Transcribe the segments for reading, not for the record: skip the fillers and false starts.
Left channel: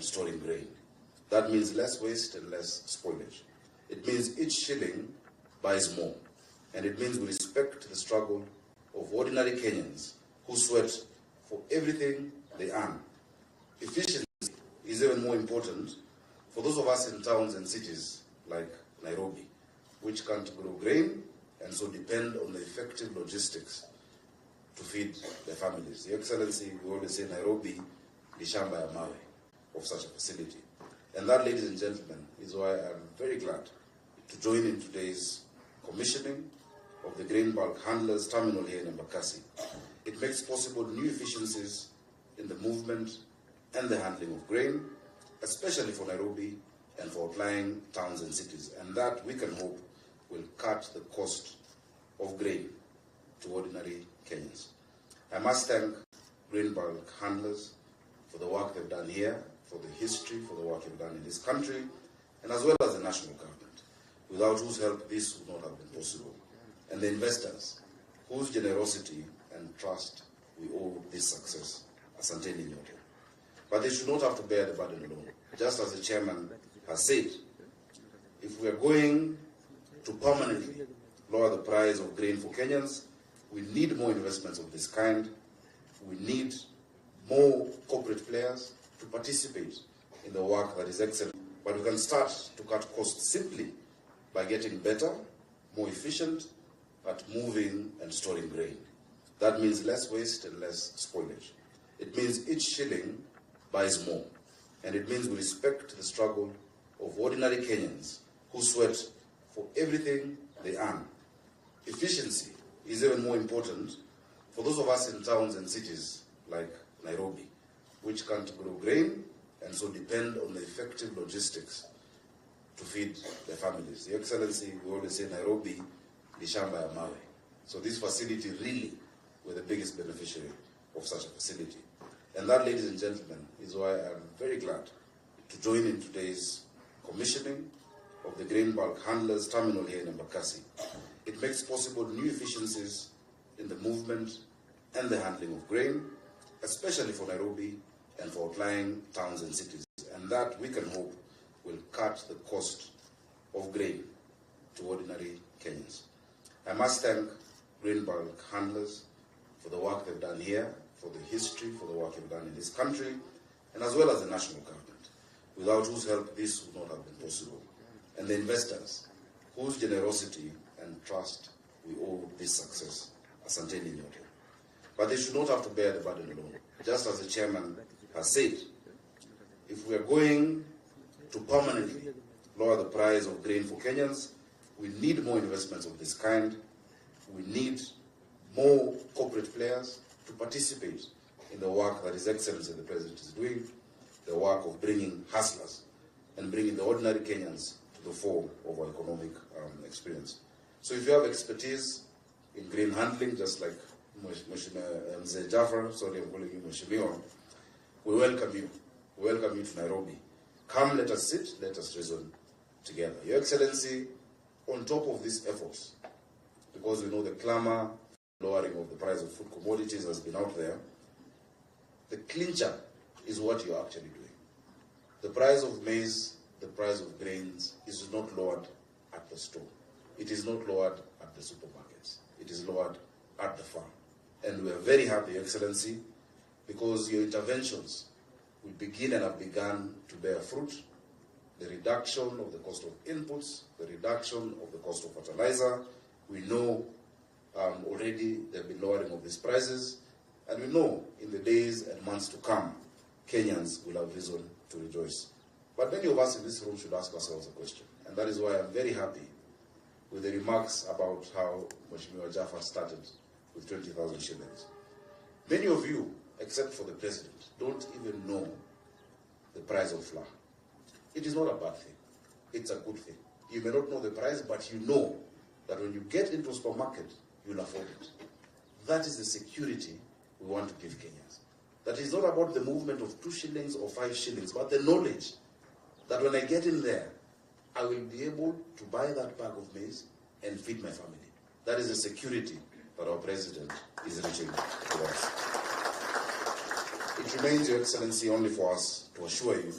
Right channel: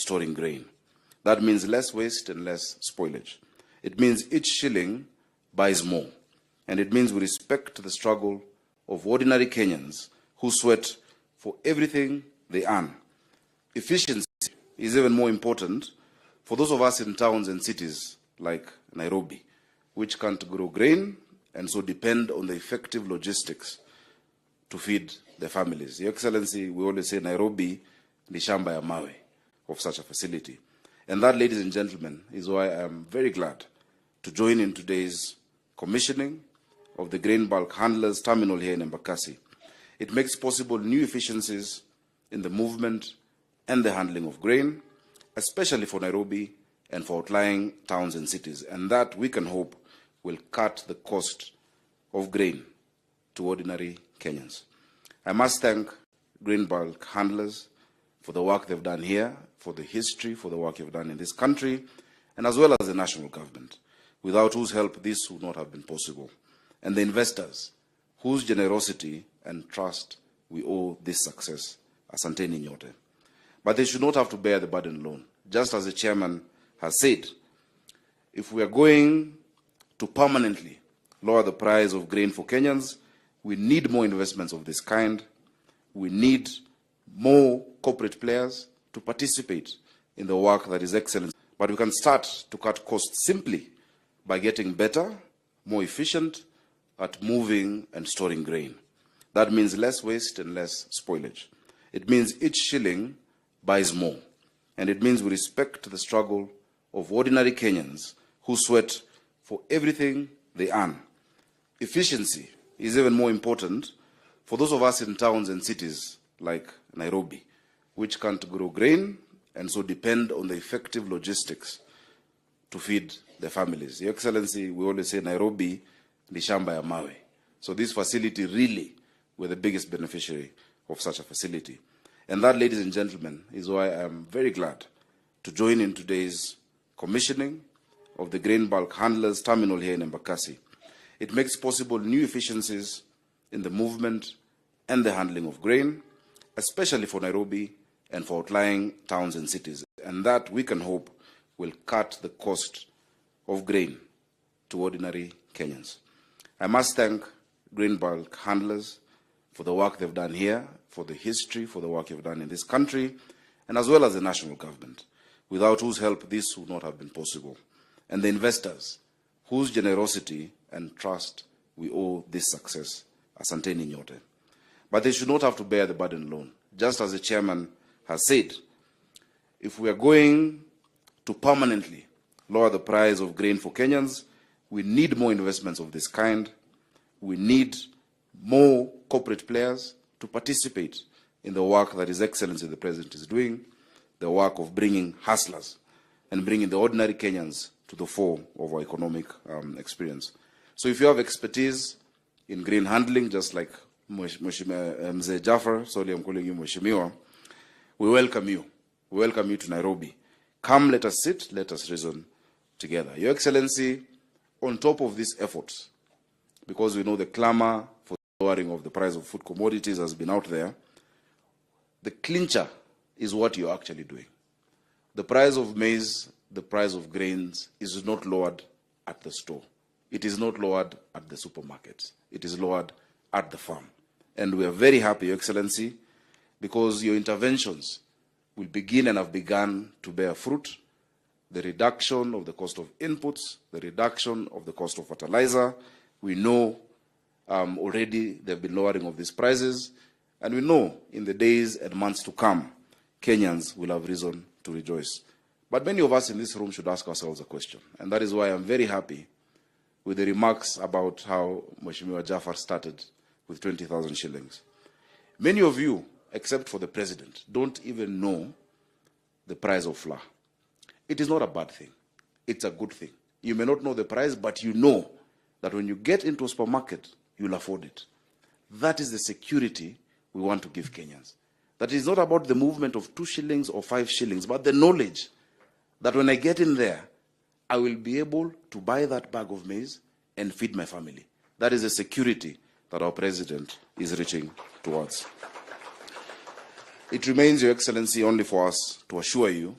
storing grain. That means less waste and less spoilage. It means each shilling buys more. And it means we respect the struggle of ordinary Kenyans who sweat for everything they earn. Efficiency is even more important for those of us in towns and cities like Nairobi, which can't grow grain and so depend on the effective logistics to feed their families. Your Excellency, we always say Nairobi ni shamba ya mawe of such a facility. And that, ladies and gentlemen, is why I am very glad to join in today's commissioning of the grain bulk handlers terminal here in Embakasi. It makes possible new efficiencies in the movement and the handling of grain, especially for Nairobi and for outlying towns and cities. And that, we can hope, will cut the cost of grain to ordinary Kenyans. I must thank grain bulk handlers for the work they've done here, for the history, for the work you've done in this country, and as well as the national government, without whose help this would not have been possible, and the investors, whose generosity and trust we owe this success. Asanteni nyote. But they should not have to bear the burden alone. Just as the chairman has said, if we are going to permanently lower the price of grain for Kenyans, we need more investments of this kind. We need more corporate players to participate in the work that is excellent. But we can start to cut costs simply by getting better, more efficient at moving and storing grain. That means less waste and less spoilage. It means each shilling buys more. And it means we respect the struggle of ordinary Kenyans who sweat for everything they earn. Efficiency is even more important for those of us in towns and cities like Nairobi, which can't grow grain and so depend on the effective logistics to feed their families. Your Excellency, we always say Nairobi ni shamba ya mawe. So this facility really, we're the biggest beneficiary of such a facility. And that, ladies and gentlemen, is why I am very glad to join in today's commissioning of the grain bulk handlers terminal here in Embakasi. It makes possible new efficiencies in the movement and the handling of grain, especially for Nairobi and for outlying towns and cities. And that, we can hope, will cut the cost of grain to ordinary Kenyans. I must thank grain bulk handlers for the work they've done here, for the history, for the work you've done in this country, and as well as the national government, without whose help this would not have been possible, and the investors, whose generosity and trust we owe this success. Asanteni nyote. But they should not have to bear the burden alone. Just as the chairman has said, if we are going to permanently lower the price of grain for Kenyans, we need more investments of this kind. We need more corporate players to participate in the work that His Excellency the President is doing, the work of bringing hustlers and bringing the ordinary Kenyans to the fore of our economic experience. So if you have expertise in grain handling, just like Mzee Jafar, sorry I'm calling you Mheshimiwa, we welcome you. We welcome you to Nairobi. Come, let us sit, let us reason together. Your Excellency, on top of these efforts, because we know the clamor for lowering of the price of food commodities has been out there, the clincher is what you're actually doing. The price of maize, the price of grains is not lowered at the store. It is not lowered at the supermarkets. It is lowered at the farm. And we are very happy, Your Excellency, because your interventions will begin and have begun to bear fruit. The reduction of the cost of inputs, the reduction of the cost of fertilizer. We know already there have been lowering of these prices, and we know in the days and months to come, Kenyans will have reason to rejoice. But many of us in this room should ask ourselves a question, and that is why I'm very happy with the remarks about how Mheshimiwa Jafar started with 20,000 shillings. Many of you, except for the President, don't even know the price of flour. It is not a bad thing. It's a good thing. You may not know the price, but you know that when you get into a supermarket, you'll afford it. That is the security we want to give Kenyans. That is not about the movement of 2 shillings or 5 shillings, but the knowledge that when I get in there, I will be able to buy that bag of maize and feed my family. That is the security that our President is reaching towards. It remains, Your Excellency, only for us to assure you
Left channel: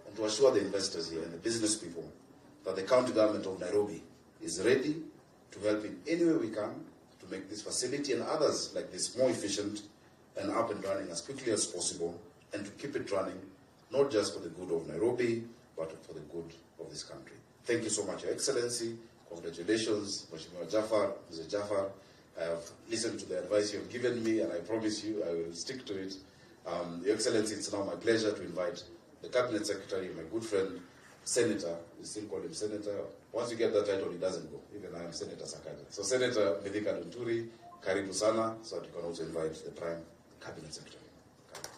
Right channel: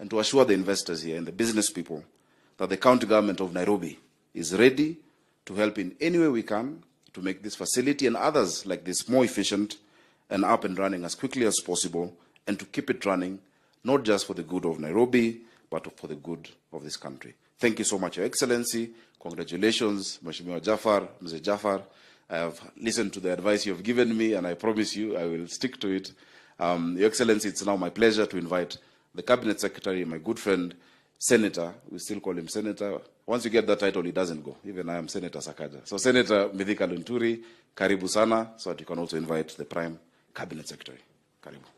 and to assure the investors here and the business people that the county government of Nairobi is ready to help in any way we can to make this facility and others like this more efficient and up and running as quickly as possible, and to keep it running, not just for the good of Nairobi, but for the good of this country. Thank you so much, Your Excellency. Congratulations, Mheshimiwa Jafar, Mr. Jafar. I have listened to the advice you have given me, and I promise you I will stick to it. Your Excellency, it's now my pleasure to invite the Cabinet Secretary, my good friend, Senator, we still call him Senator. Once you get that title, he doesn't go. Even I am Senator Sakaja. So Senator Mithika Lunturi, karibu sana, so that you can also invite the Prime Cabinet Secretary. Karibu.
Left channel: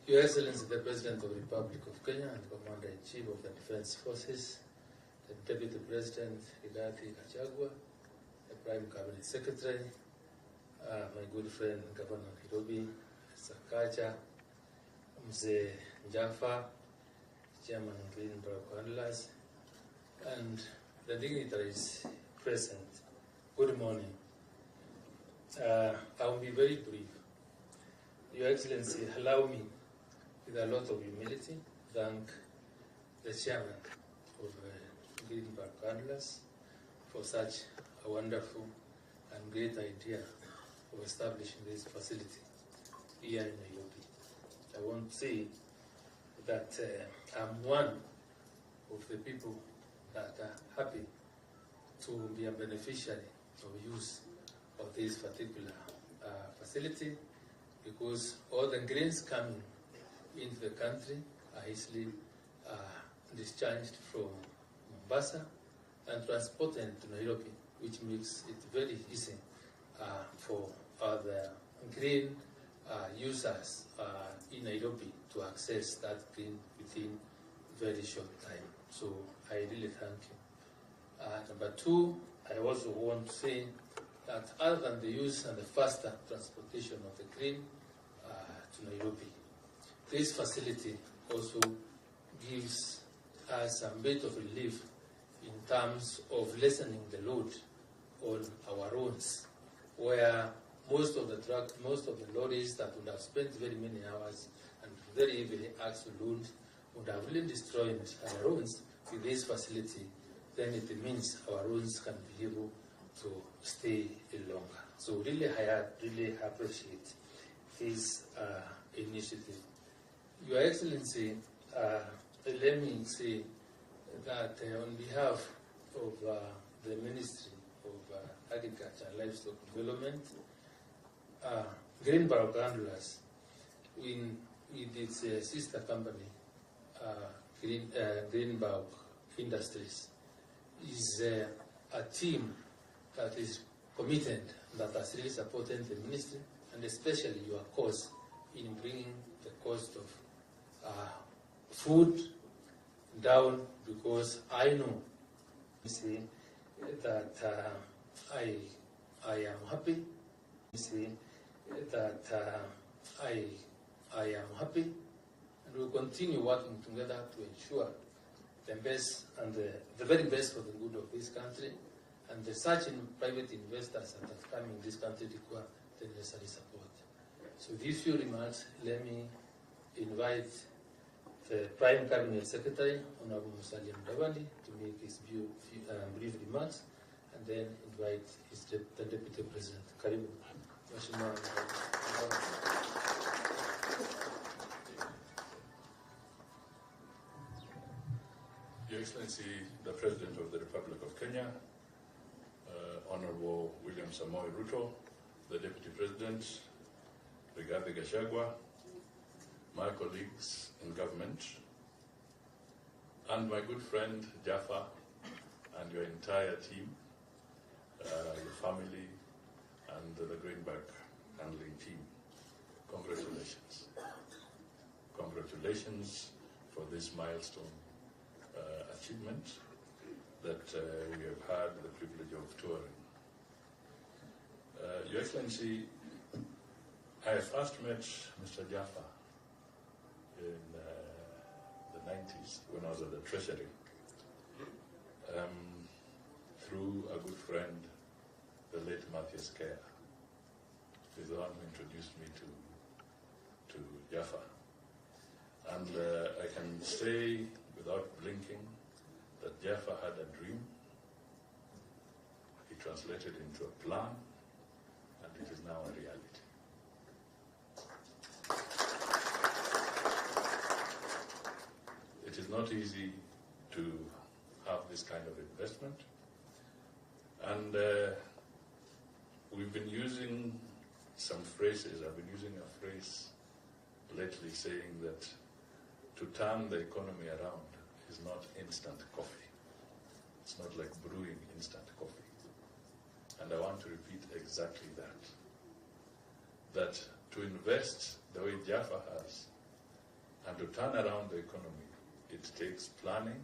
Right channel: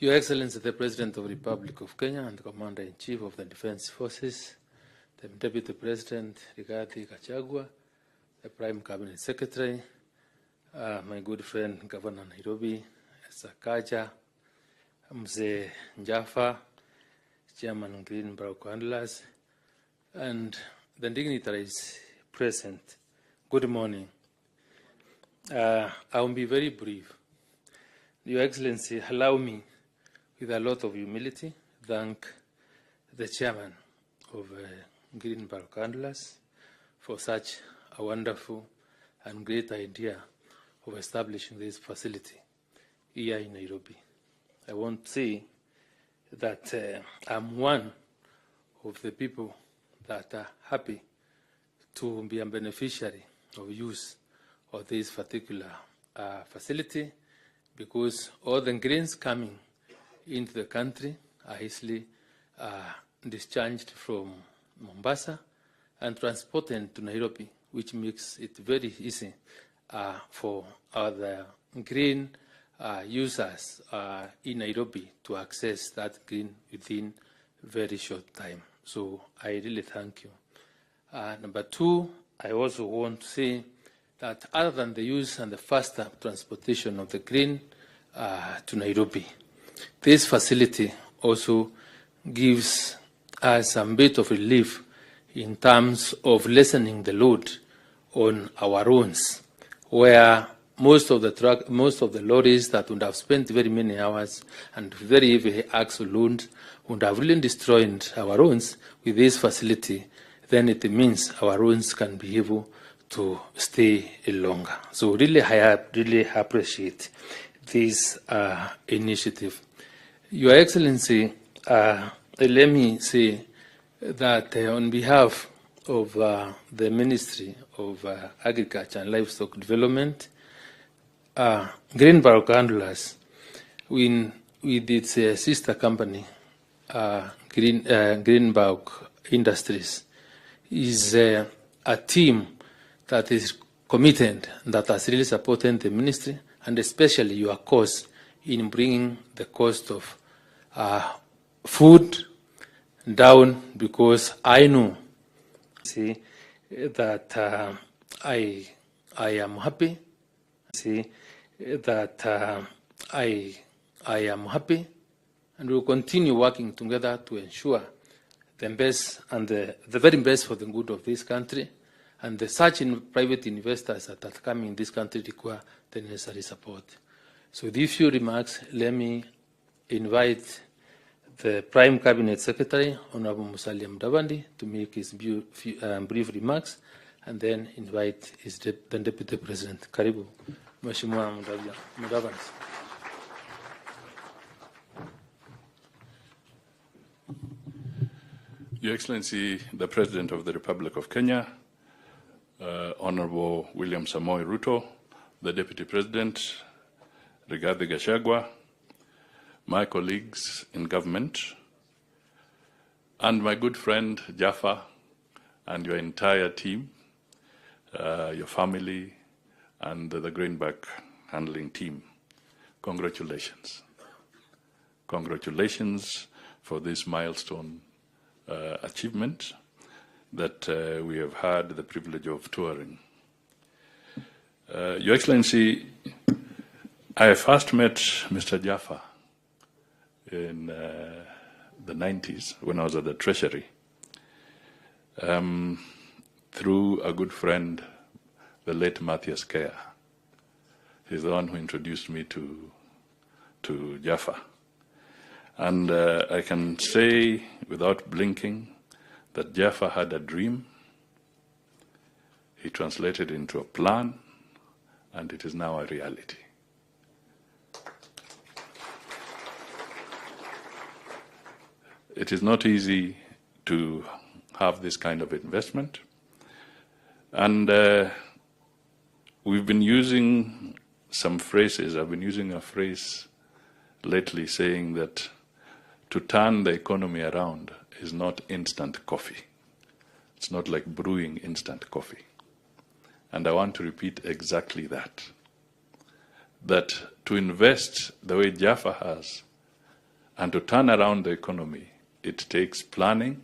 Your Excellency, the President of the Republic of Kenya and Commander-in-Chief of the Defense Forces, the Deputy President, Rigathi Gachagua, the Prime Cabinet Secretary, my good friend, Governor Nairobi, Sakaja, Mzee Jaffa, Chairman Greenback Handlers, and the dignitaries present. Good morning. I will be very brief. Your Excellency, allow me, with a lot of humility, thank the Chairman of Greenback Handlers for such a wonderful and great idea of establishing this facility here in Nairobi. I want to say that I'm one of the people that are happy to be a beneficiary of use of this particular facility, because all the grains coming into the country are easily discharged from Mombasa and transported to Nairobi, which makes it very easy for other grain users in Nairobi to access that grain within very short time. So I really thank you. Number two, I also want to say that other than the use and the faster transportation of the grain to Nairobi, this facility also gives us a bit of relief in terms of lessening the load on our roads, where most of the lorries that would have spent very many hours and very heavy axle loads would have really destroyed our roads. With this facility, then it means our roads can be able to stay longer. So really, I really appreciate this initiative. Your Excellency, let me say that on behalf of the Ministry of Agriculture and Livestock Development, Greenback Handlers, with its sister company, Greenback Industries, is a team that is committed, that has really supported the ministry, and especially your cause in bringing the cost of food down, because I know that I am happy. That I am happy, and we will continue working together to ensure the best and the very best for the good of this country, and the such private investors that come in this country require the necessary support. So with these few remarks, let me invite the Prime Cabinet Secretary, Honorable Musalia Mudavadi, to make his brief remarks, and then invite the Deputy President. Karibu, Mheshimiwa Mudavadi. Your Excellency, the President of the Republic of Kenya, Honorable William Samoei Ruto, the Deputy President, Rigathi Gachagua, my colleagues in government, and my good friend Jaffa and your entire team, your family, and the Greenback handling team. Congratulations. Congratulations for this milestone achievement that we have had the privilege of touring. Your Excellency, I first met Mr. Jaffa in the 90s when I was at the Treasury through a good friend, the late Matthias Kea, He's the one who introduced me to Jaffa. And I can say without blinking that Jaffa had a dream. He translated it into a plan, and it is now a reality. It is not easy to have this kind of investment. And we've been using some phrases. I've been using a phrase lately saying that to turn the economy around is not instant coffee. It's not like brewing instant coffee. And I want to repeat exactly that. That to invest the way Jaffa has and to turn around the economy, it takes planning,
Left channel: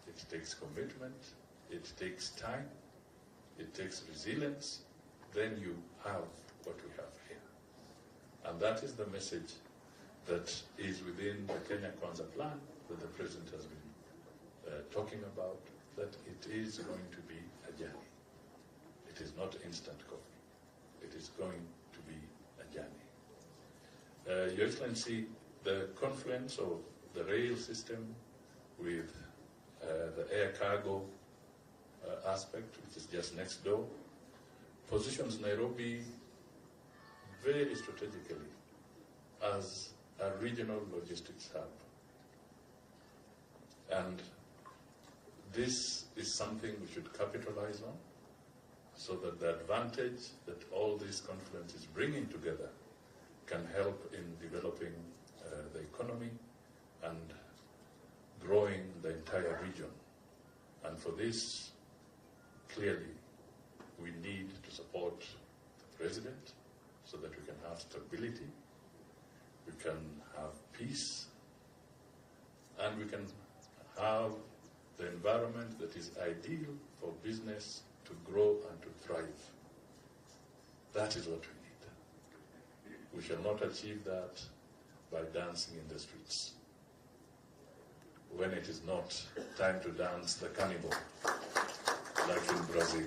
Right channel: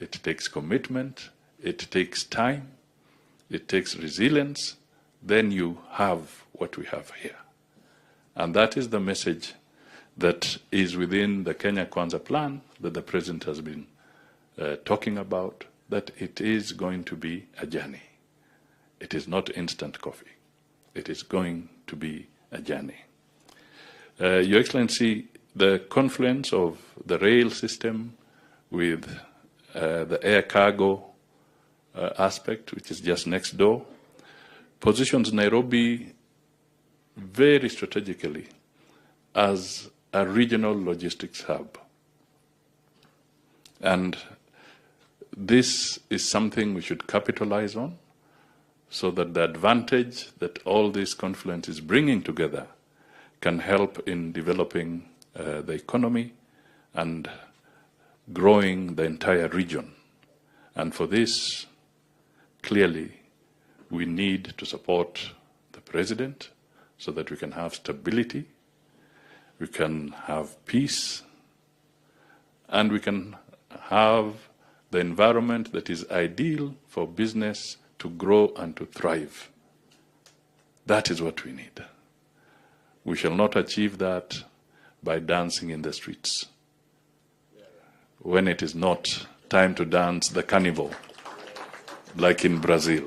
it takes commitment, it takes time, it takes resilience. Then you have what we have here. And that is the message that is within the Kenya Kwanza plan that the President has been talking about, that it is going to be a journey. It is not instant coffee. It is going to be a journey. Your Excellency, the confluence of the rail system with the air cargo aspect, which is just next door, positions Nairobi very strategically as a regional logistics hub. And this is something we should capitalize on so that the advantage that all this confluence is bringing together can help in developing the economy and growing the entire region. And for this, clearly, we need to support the President so that we can have stability, we can have peace, and we can have the environment that is ideal for business to grow and to thrive. That is what we need. We shall not achieve that by dancing in the streets when it is not time to dance the carnival, like in Brazil.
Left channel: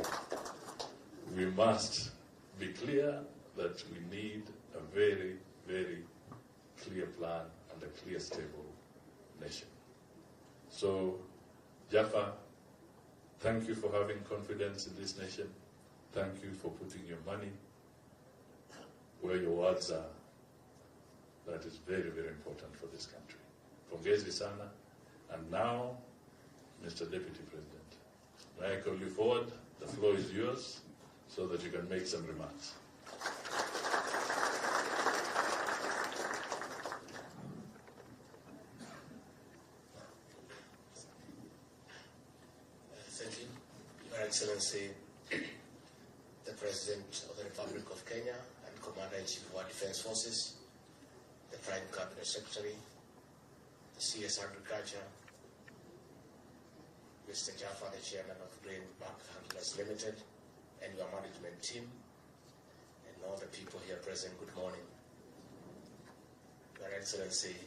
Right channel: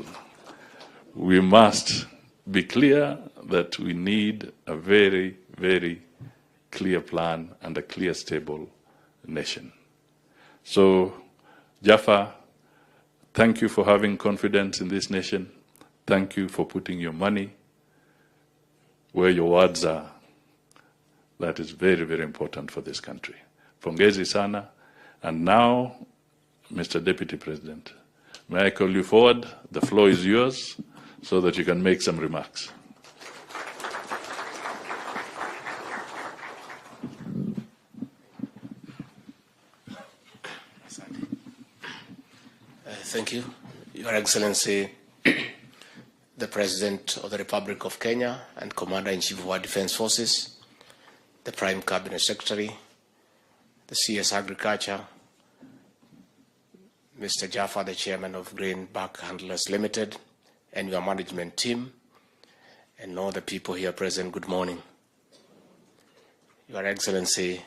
We must be clear that we need a very, very clear plan and a clear, stable nation. So, Jaffa, thank you for having confidence in this nation. Thank you for putting your money where your words are. That is very, very important for this country. Pongezi sana. And now, Mr. Deputy President, may I call you forward? The floor is yours so that you can make some remarks. Thank you. Your Excellency, the President of the Republic of Kenya and Commander-in-Chief of our Defense Forces, the Prime Cabinet Secretary, the CS Agriculture, Mr. Jaffa, the Chairman of Grain Back Handlers Limited, and your management team, and all the people here present, good morning. Your Excellency,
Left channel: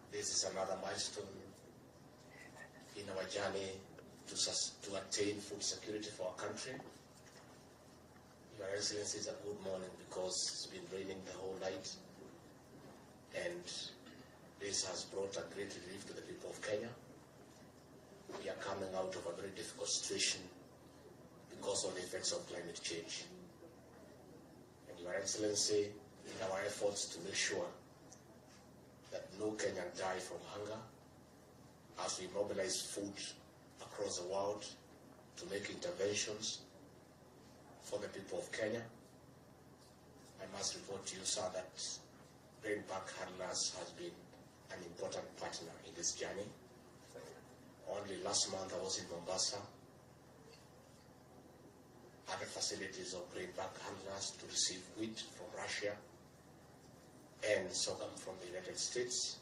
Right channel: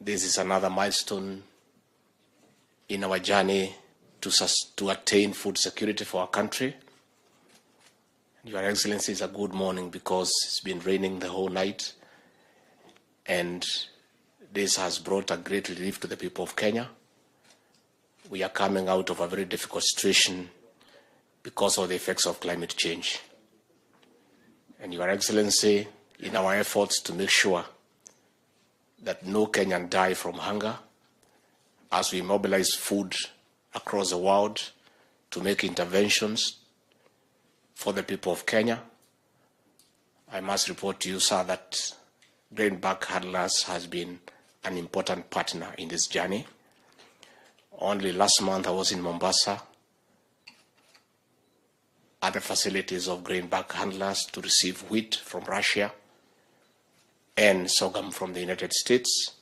this is another milestone in our journey to attain food security for our country. Your Excellency, it's a good morning because it's been raining the whole night, and this has brought a great relief to the people of Kenya. We are coming out of a very difficult situation because of the effects of climate change. And Your Excellency, in our efforts to make sure that no Kenyan die from hunger, as we mobilize food across the world to make interventions for the people of Kenya, I must report to you, sir, that Grain Back Handlers has been an important partner in this journey. Only last month I was in Mombasa at the facilities of Grain Back Handlers to receive wheat from Russia and sorghum from the United States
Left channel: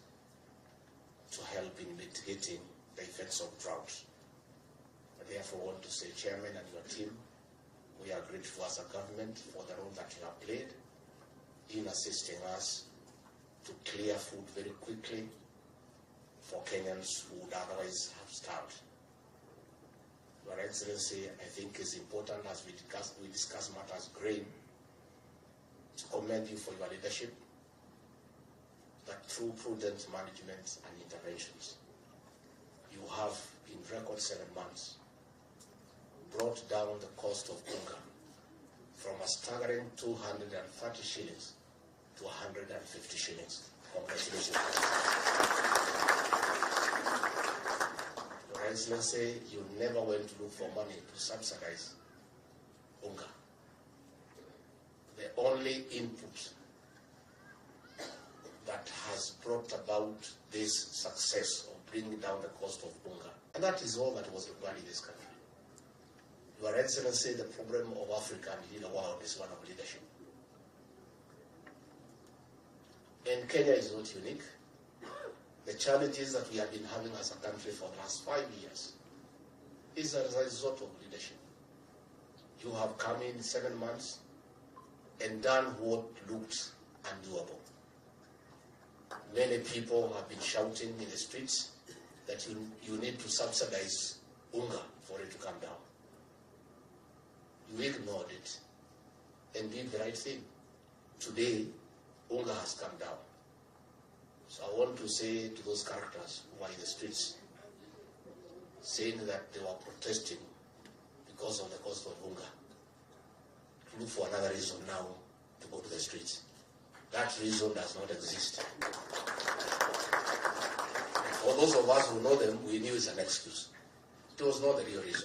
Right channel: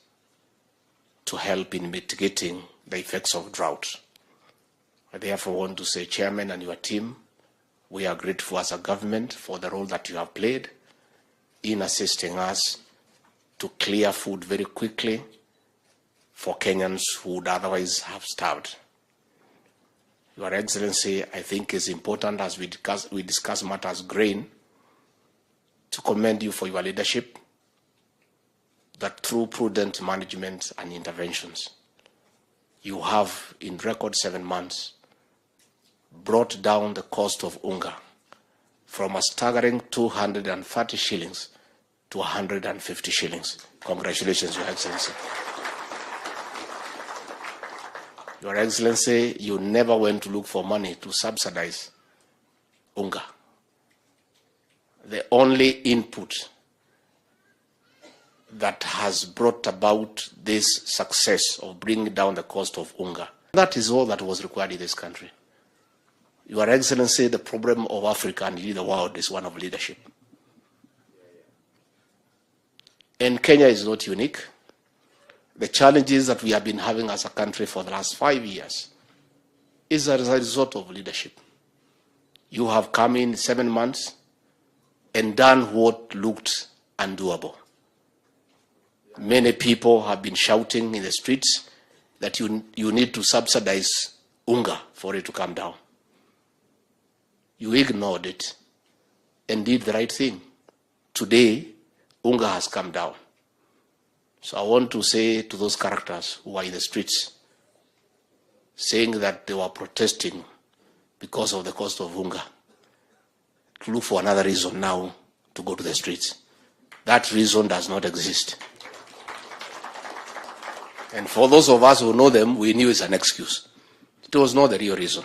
to help in mitigating the effects of drought. I therefore want to say, Chairman and your team, we are grateful as a government for the role that you have played in assisting us to clear food very quickly for Kenyans who would otherwise have starved. Your Excellency, I think it's important as we discuss matters grain, to commend you for your leadership, that through prudent management and interventions, you have, in record 7 months, brought down the cost of unga from a staggering 230 shillings to 150 shillings. Congratulations, Your Excellency. Your Excellency, you never went to look for money to subsidize unga. The only input that has brought about this success of bringing down the cost of unga, that is all that was required in this country. Your Excellency, the problem of Africa and the world is one of leadership. And Kenya is not unique. The challenges that we have been having as a country for the last 5 years is as a result of leadership. You have come in 7 months and done what looked undoable. Many people have been shouting in the streets that you need to subsidize unga for it to come down. You ignored it and did the right thing. Today, unga has come down. So I want to say to those characters who are in the streets, saying that they were protesting because of the cost of unga, to look for another reason now to go to the streets. That reason does not exist. And for those of us who know them, we knew it's an excuse. It was not the real reason.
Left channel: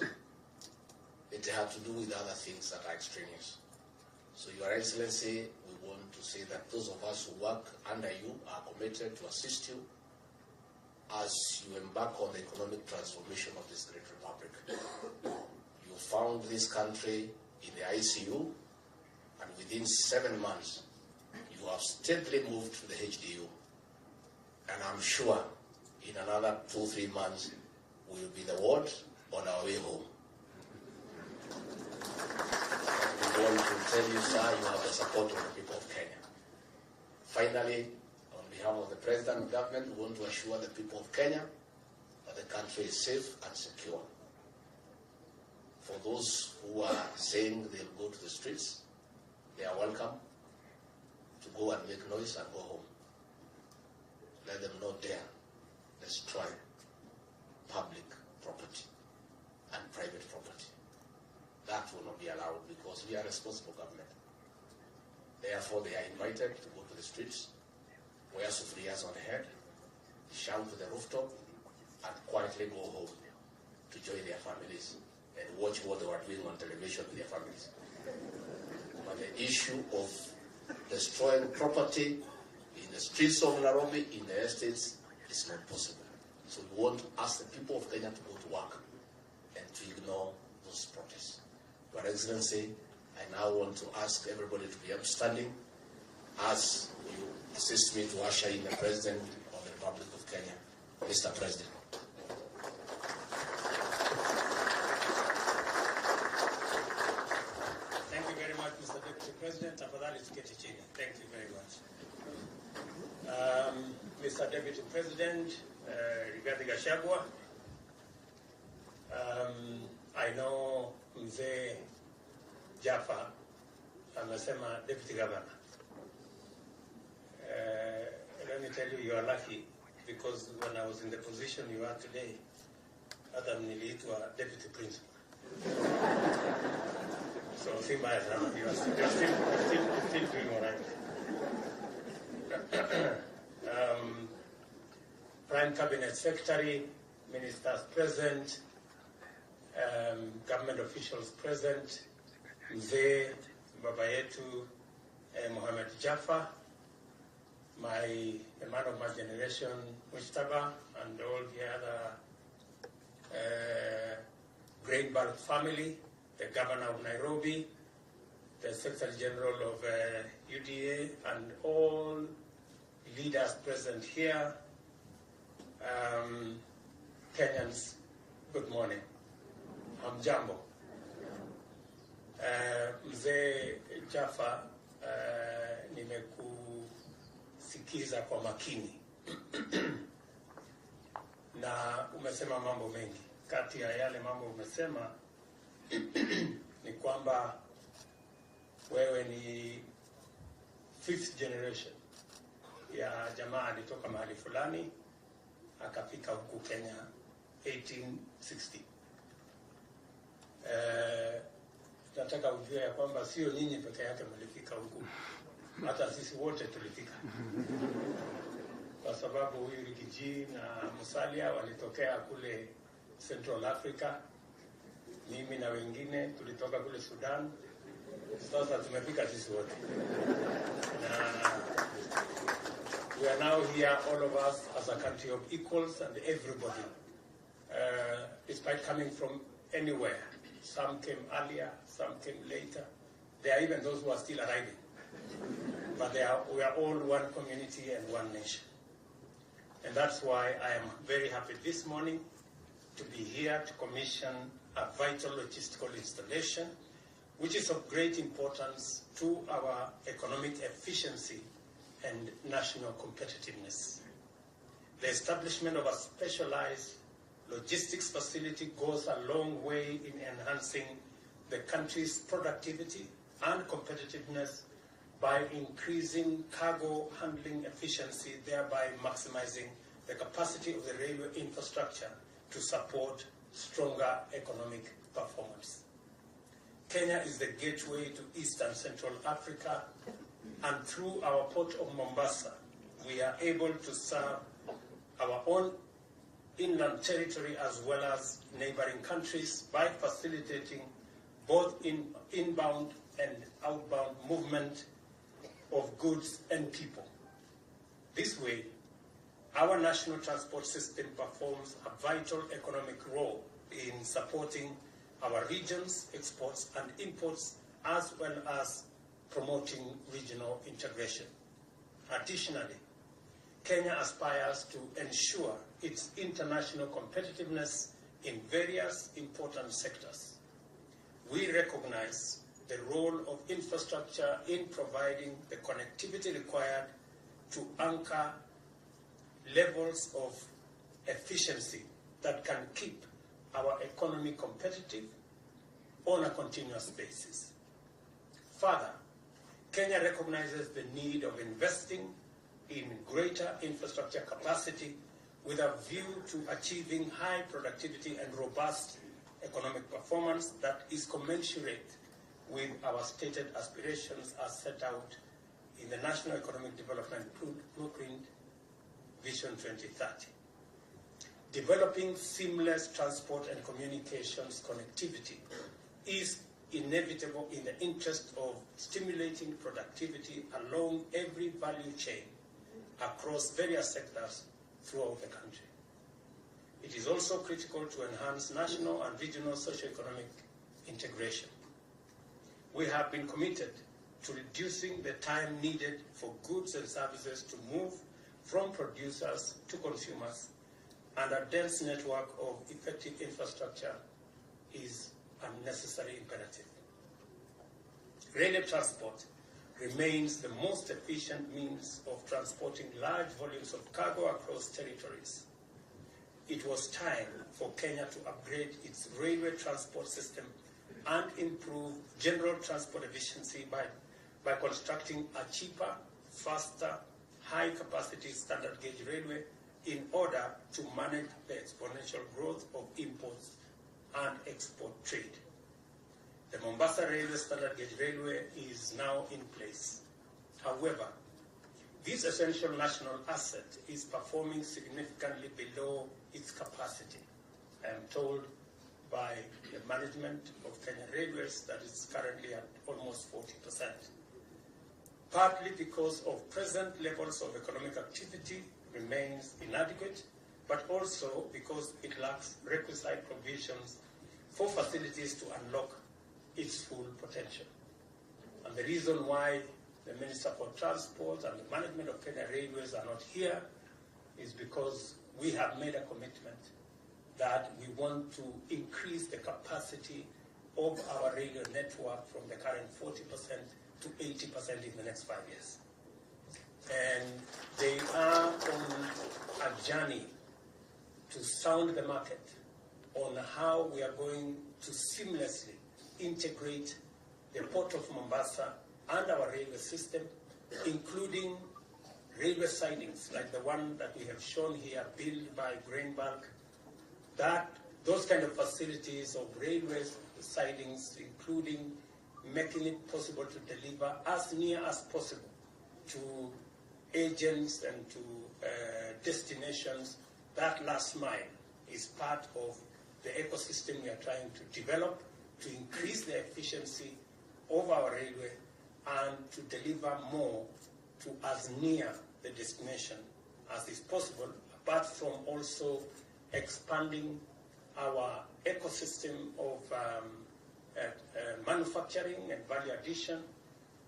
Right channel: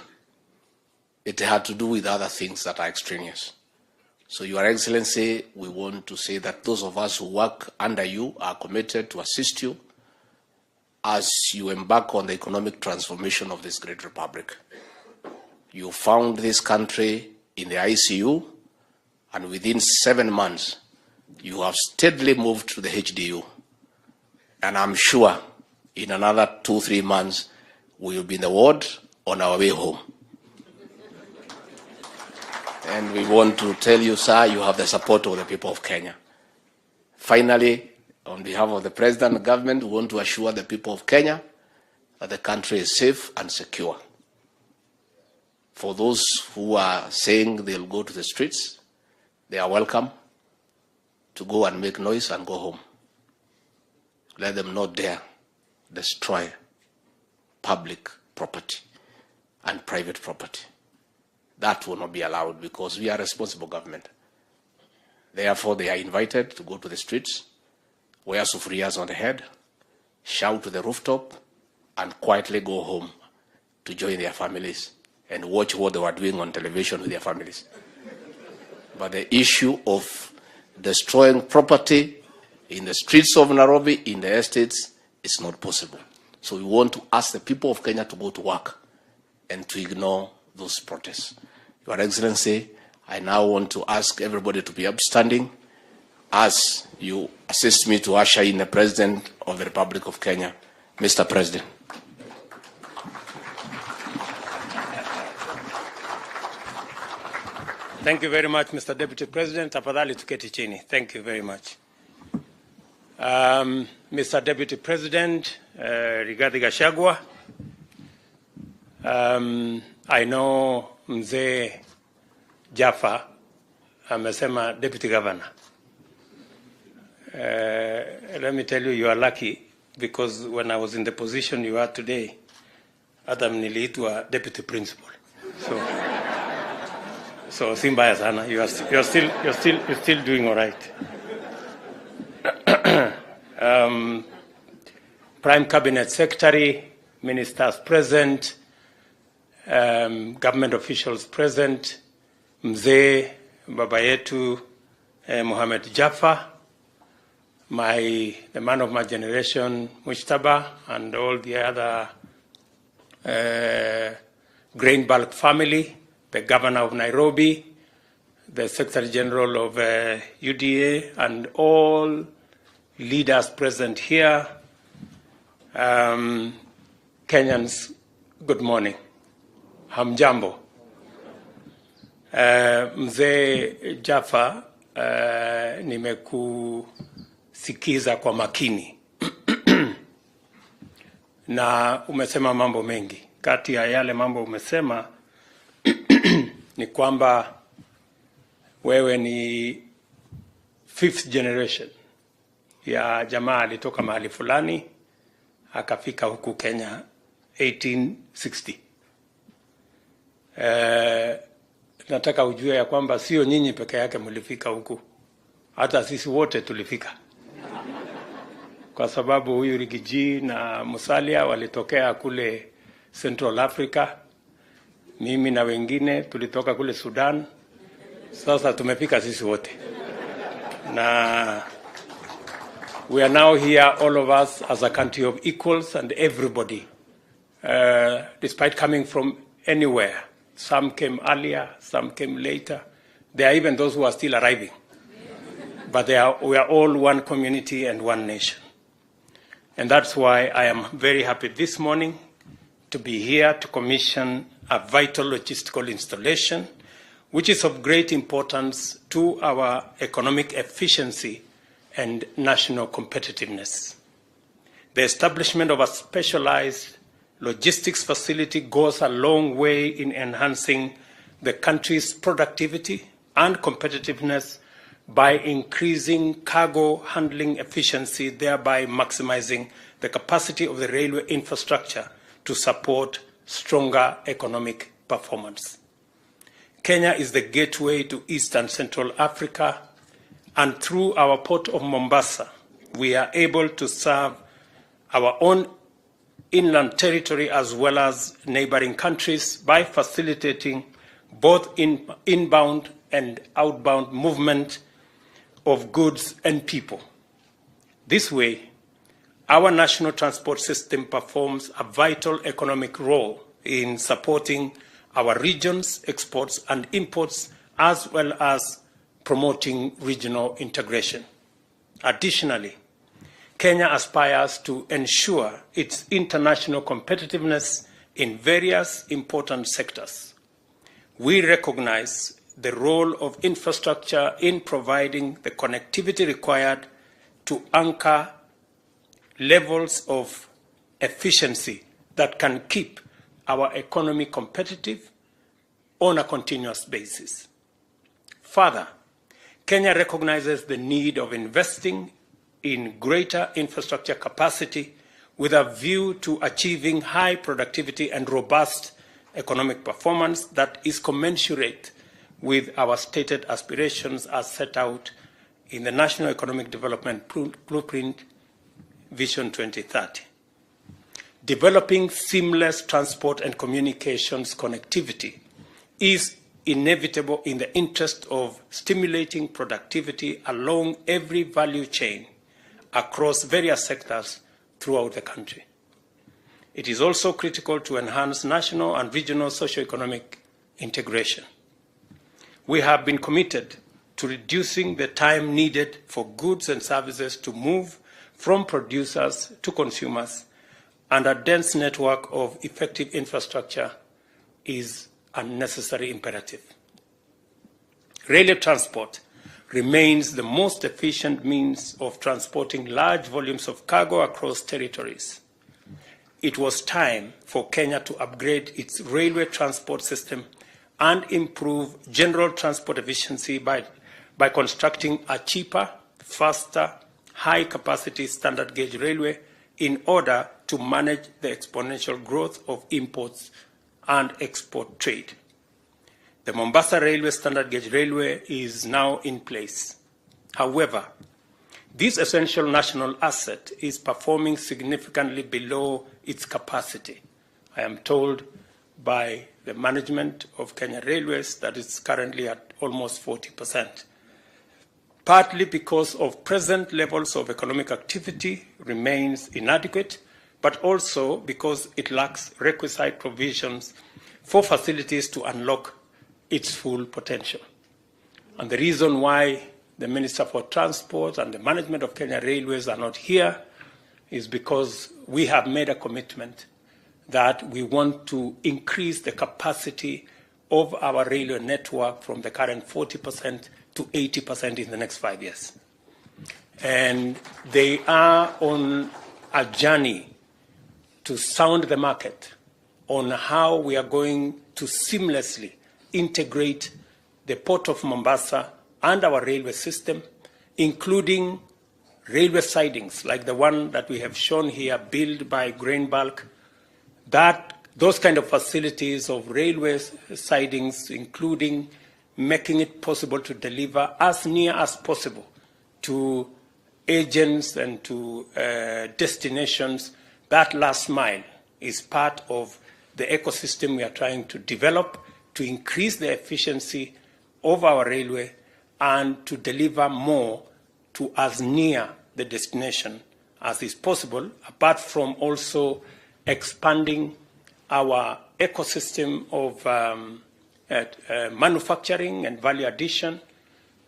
It had to do with other things that are extraneous. So, Your Excellency, we want to say that those of us who work under you are committed to assist you as you embark on the economic transformation of this great republic. You found this country in the ICU, and within 7 months, you have steadily moved to the HDU. And I'm sure in another 2-3 months, we will be in the ward on our way home. And we want to tell you, sir, you have the support of the people of Kenya. Finally, on behalf of the President and government, we want to assure the people of Kenya that the country is safe and secure. For those who are saying they'll go to the streets, they are welcome to go and make noise and go home. Let them not dare destroy public property and private property. That will not be allowed because we are a responsible government. Therefore, they are invited to go to the streets, wear sufriyas on the head, shout to the rooftop, and quietly go home to join their families and watch what they were doing on television with their families. But the issue of destroying property in the streets of Nairobi, in the estates, is not possible. So we want to ask the people of Kenya to go to work and to ignore those protests. Your Excellency, I now want to ask everybody to be upstanding as you assist me to usher in the President of the Republic of Kenya. Mr. President. Thank you very much, Mr. Deputy President. Tafadhali tuketi chini. Thank you very much. Mr. Deputy President, Rigathi Gachagua, I know Mzee Jaffa amesema Deputy Governor. Let me tell you, you are lucky because when I was in the position you are today, Adam niliitwa Deputy Principal. So si mbaya sana. You're still doing all right. Prime Cabinet Secretary, ministers present, government officials present, Mzee Baba yetu Mohamed Jaffa, the man of my generation, Mujtaba, and all the other grain bulk family, the governor of Nairobi, the Secretary General of UDA, and all leaders present here. Kenyans, good morning. Hamjambo. Mzee Jaffa, nimekusikiza kwa makini na umesema mambo mengi. Kati ya yale mambo umesema ni kwamba wewe ni fifth generation ya jamaa alitoka mahali fulani akafika huku Kenya 1860. Nataka ujue ya kwamba sio nyinyi peke yake mlifika huku, hata sisi wote tulifika. Kwa sababu huyu Rigiji na Musalia walitokea kule Central Africa, mimi na wengine tulitoka kule Sudan. Sasa tumefika sisi wote. Na we are now here, all of us, as a country of equals, and everybody, despite coming from anywhere. Some came earlier, some came later. There are even those who are still arriving. But we are all one community and one nation. And that's why I am very happy this morning to be here to commission a vital logistical installation, which is of great importance to our economic efficiency and national competitiveness. The establishment of a specialized logistics facility goes a long way in enhancing the country's productivity and competitiveness by increasing cargo handling efficiency, thereby maximizing the capacity of the railway infrastructure to support stronger economic performance. Kenya is the gateway to East and Central Africa, and through our port of Mombasa, we are able to serve our own inland territory as well as neighboring countries by facilitating both inbound and outbound movement of goods and people. This way, our national transport system performs a vital economic role in supporting our region's exports and imports, as well as promoting regional integration. Additionally, Kenya aspires to ensure its international competitiveness in various important sectors. We recognize the role of infrastructure in providing the connectivity required to anchor levels of efficiency that can keep our economy competitive on a continuous basis. Further, Kenya recognizes the need of investing in greater infrastructure capacity with a view to achieving high productivity and robust economic performance that is commensurate with our stated aspirations as set out in the National Economic Development Blueprint Vision 2030. Developing seamless transport and communications connectivity is inevitable in the interest of stimulating productivity along every value chain across various sectors throughout the country. It is also critical to enhance national and regional socioeconomic integration. We have been committed to reducing the time needed for goods and services to move from producers to consumers, and a dense network of effective infrastructure is a necessary imperative. Railway transport remains the most efficient means of transporting large volumes of cargo across territories. It was time for Kenya to upgrade its railway transport system and improve general transport efficiency by constructing a cheaper, faster, high-capacity standard gauge railway in order to manage the exponential growth of imports and export trade. The Mombasa Railway standard gauge railway is now in place. However, this essential national asset is performing significantly below its capacity. I am told by the management of Kenya Railways that it's currently at almost 40%. Partly because of present levels of economic activity remains inadequate, but also because it lacks requisite provisions for facilities to unlock its full potential. And the reason why the Minister for Transport and the management of Kenya Railways are not here is because we have made a commitment that we want to increase the capacity of our railway network from the current 40% to 80% in the next 5 years. And they are on a journey to sound the market on how we are going to seamlessly integrate the Port of Mombasa and our railway system including railway sidings like the one that we have shown here, built by Grain Bulk, those kind of facilities of railway sidings, including making it possible to deliver as near as possible to agents and to destinations. That last mile is part of the ecosystem we are trying to develop to increase the efficiency of our railway and to deliver more to as near the destination as is possible, apart from also expanding our ecosystem of manufacturing and value addition.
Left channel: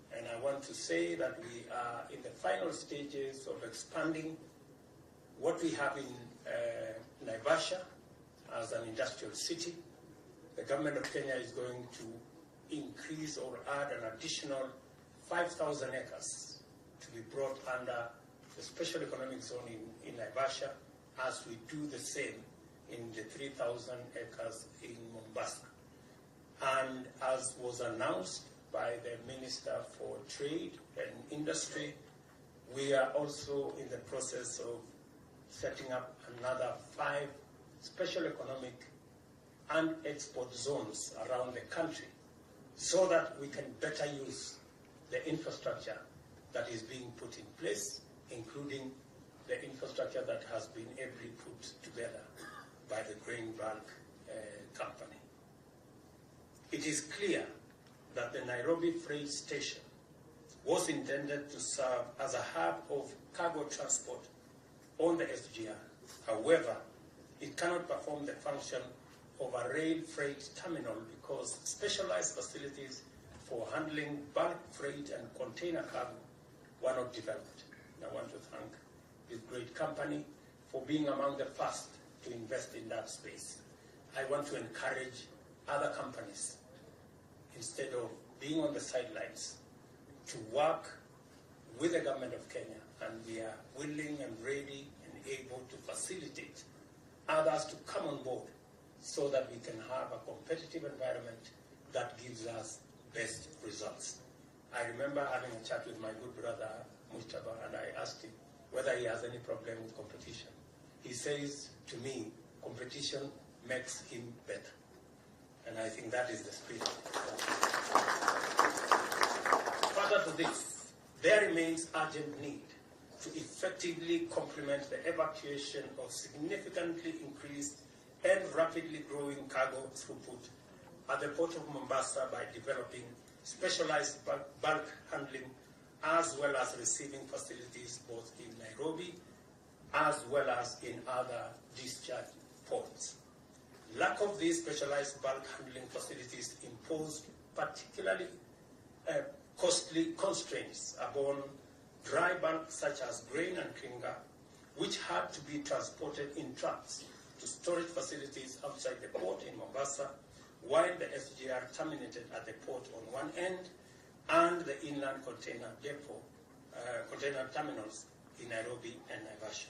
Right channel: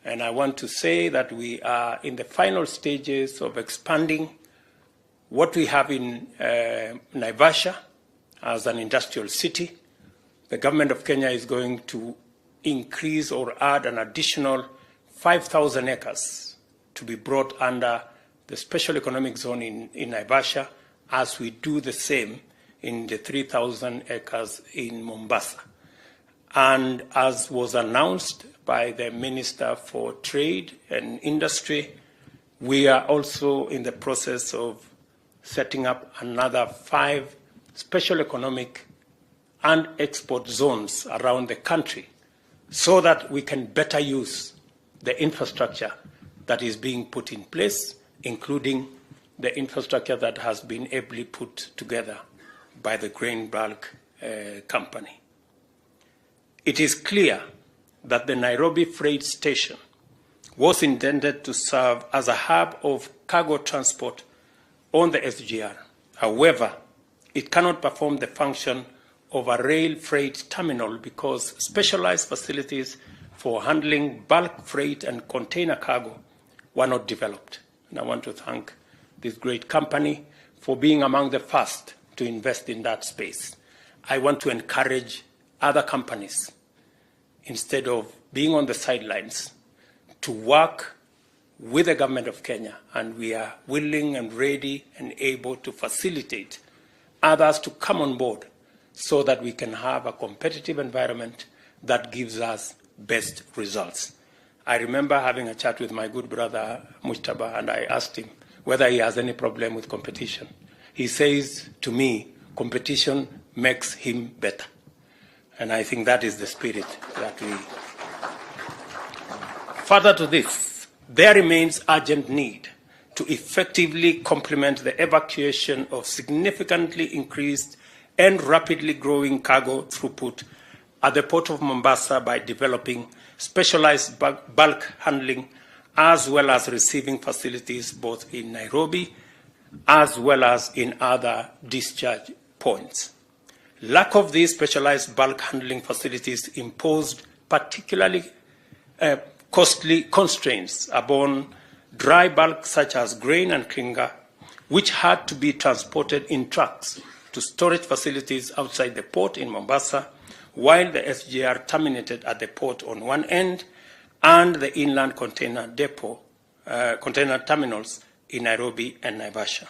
And I want to say that we are in the final stages of expanding what we have in Naivasha as an industrial city. The government of Kenya is going to increase or add an additional 5,000 acres to be brought under the special economic zone in Naivasha, as we do the same in the 3,000 acres in Mombasa. And as was announced by the Minister for Trade and Industry, we are also in the process of setting up another 5 special economic and export zones around the country so that we can better use the infrastructure that is being put in place, including the infrastructure that has been ably put together by the Grain Bulk company. It is clear that the Nairobi freight station was intended to serve as a hub of cargo transport on the SGR. However, it cannot perform the function of a rail freight terminal because specialized facilities for handling bulk freight and container cargo were not developed. And I want to thank this great company for being among the first to invest in that space. I want to encourage other companies, instead of being on the sidelines, to work with the government of Kenya, and we are willing and ready and able to facilitate others to come on board so that we can have a competitive environment that gives us best results. I remember having a chat with my good brother Mujtaba, and I asked him whether he has any problem with competition. He says to me, competition makes him better. And I think that is the spirit that we... Further to this, there remains urgent need to effectively complement the evacuation of significantly increased and rapidly growing cargo throughput at the Port of Mombasa by developing specialized bulk handling as well as receiving facilities both in Nairobi as well as in other discharge points. Lack of these specialized bulk handling facilities imposed particularly costly constraints upon dry bulk such as grain and clinker, which had to be transported in trucks to storage facilities outside the port in Mombasa, while the SGR terminated at the port on one end and the inland container depot, container terminals in Nairobi and Naivasha.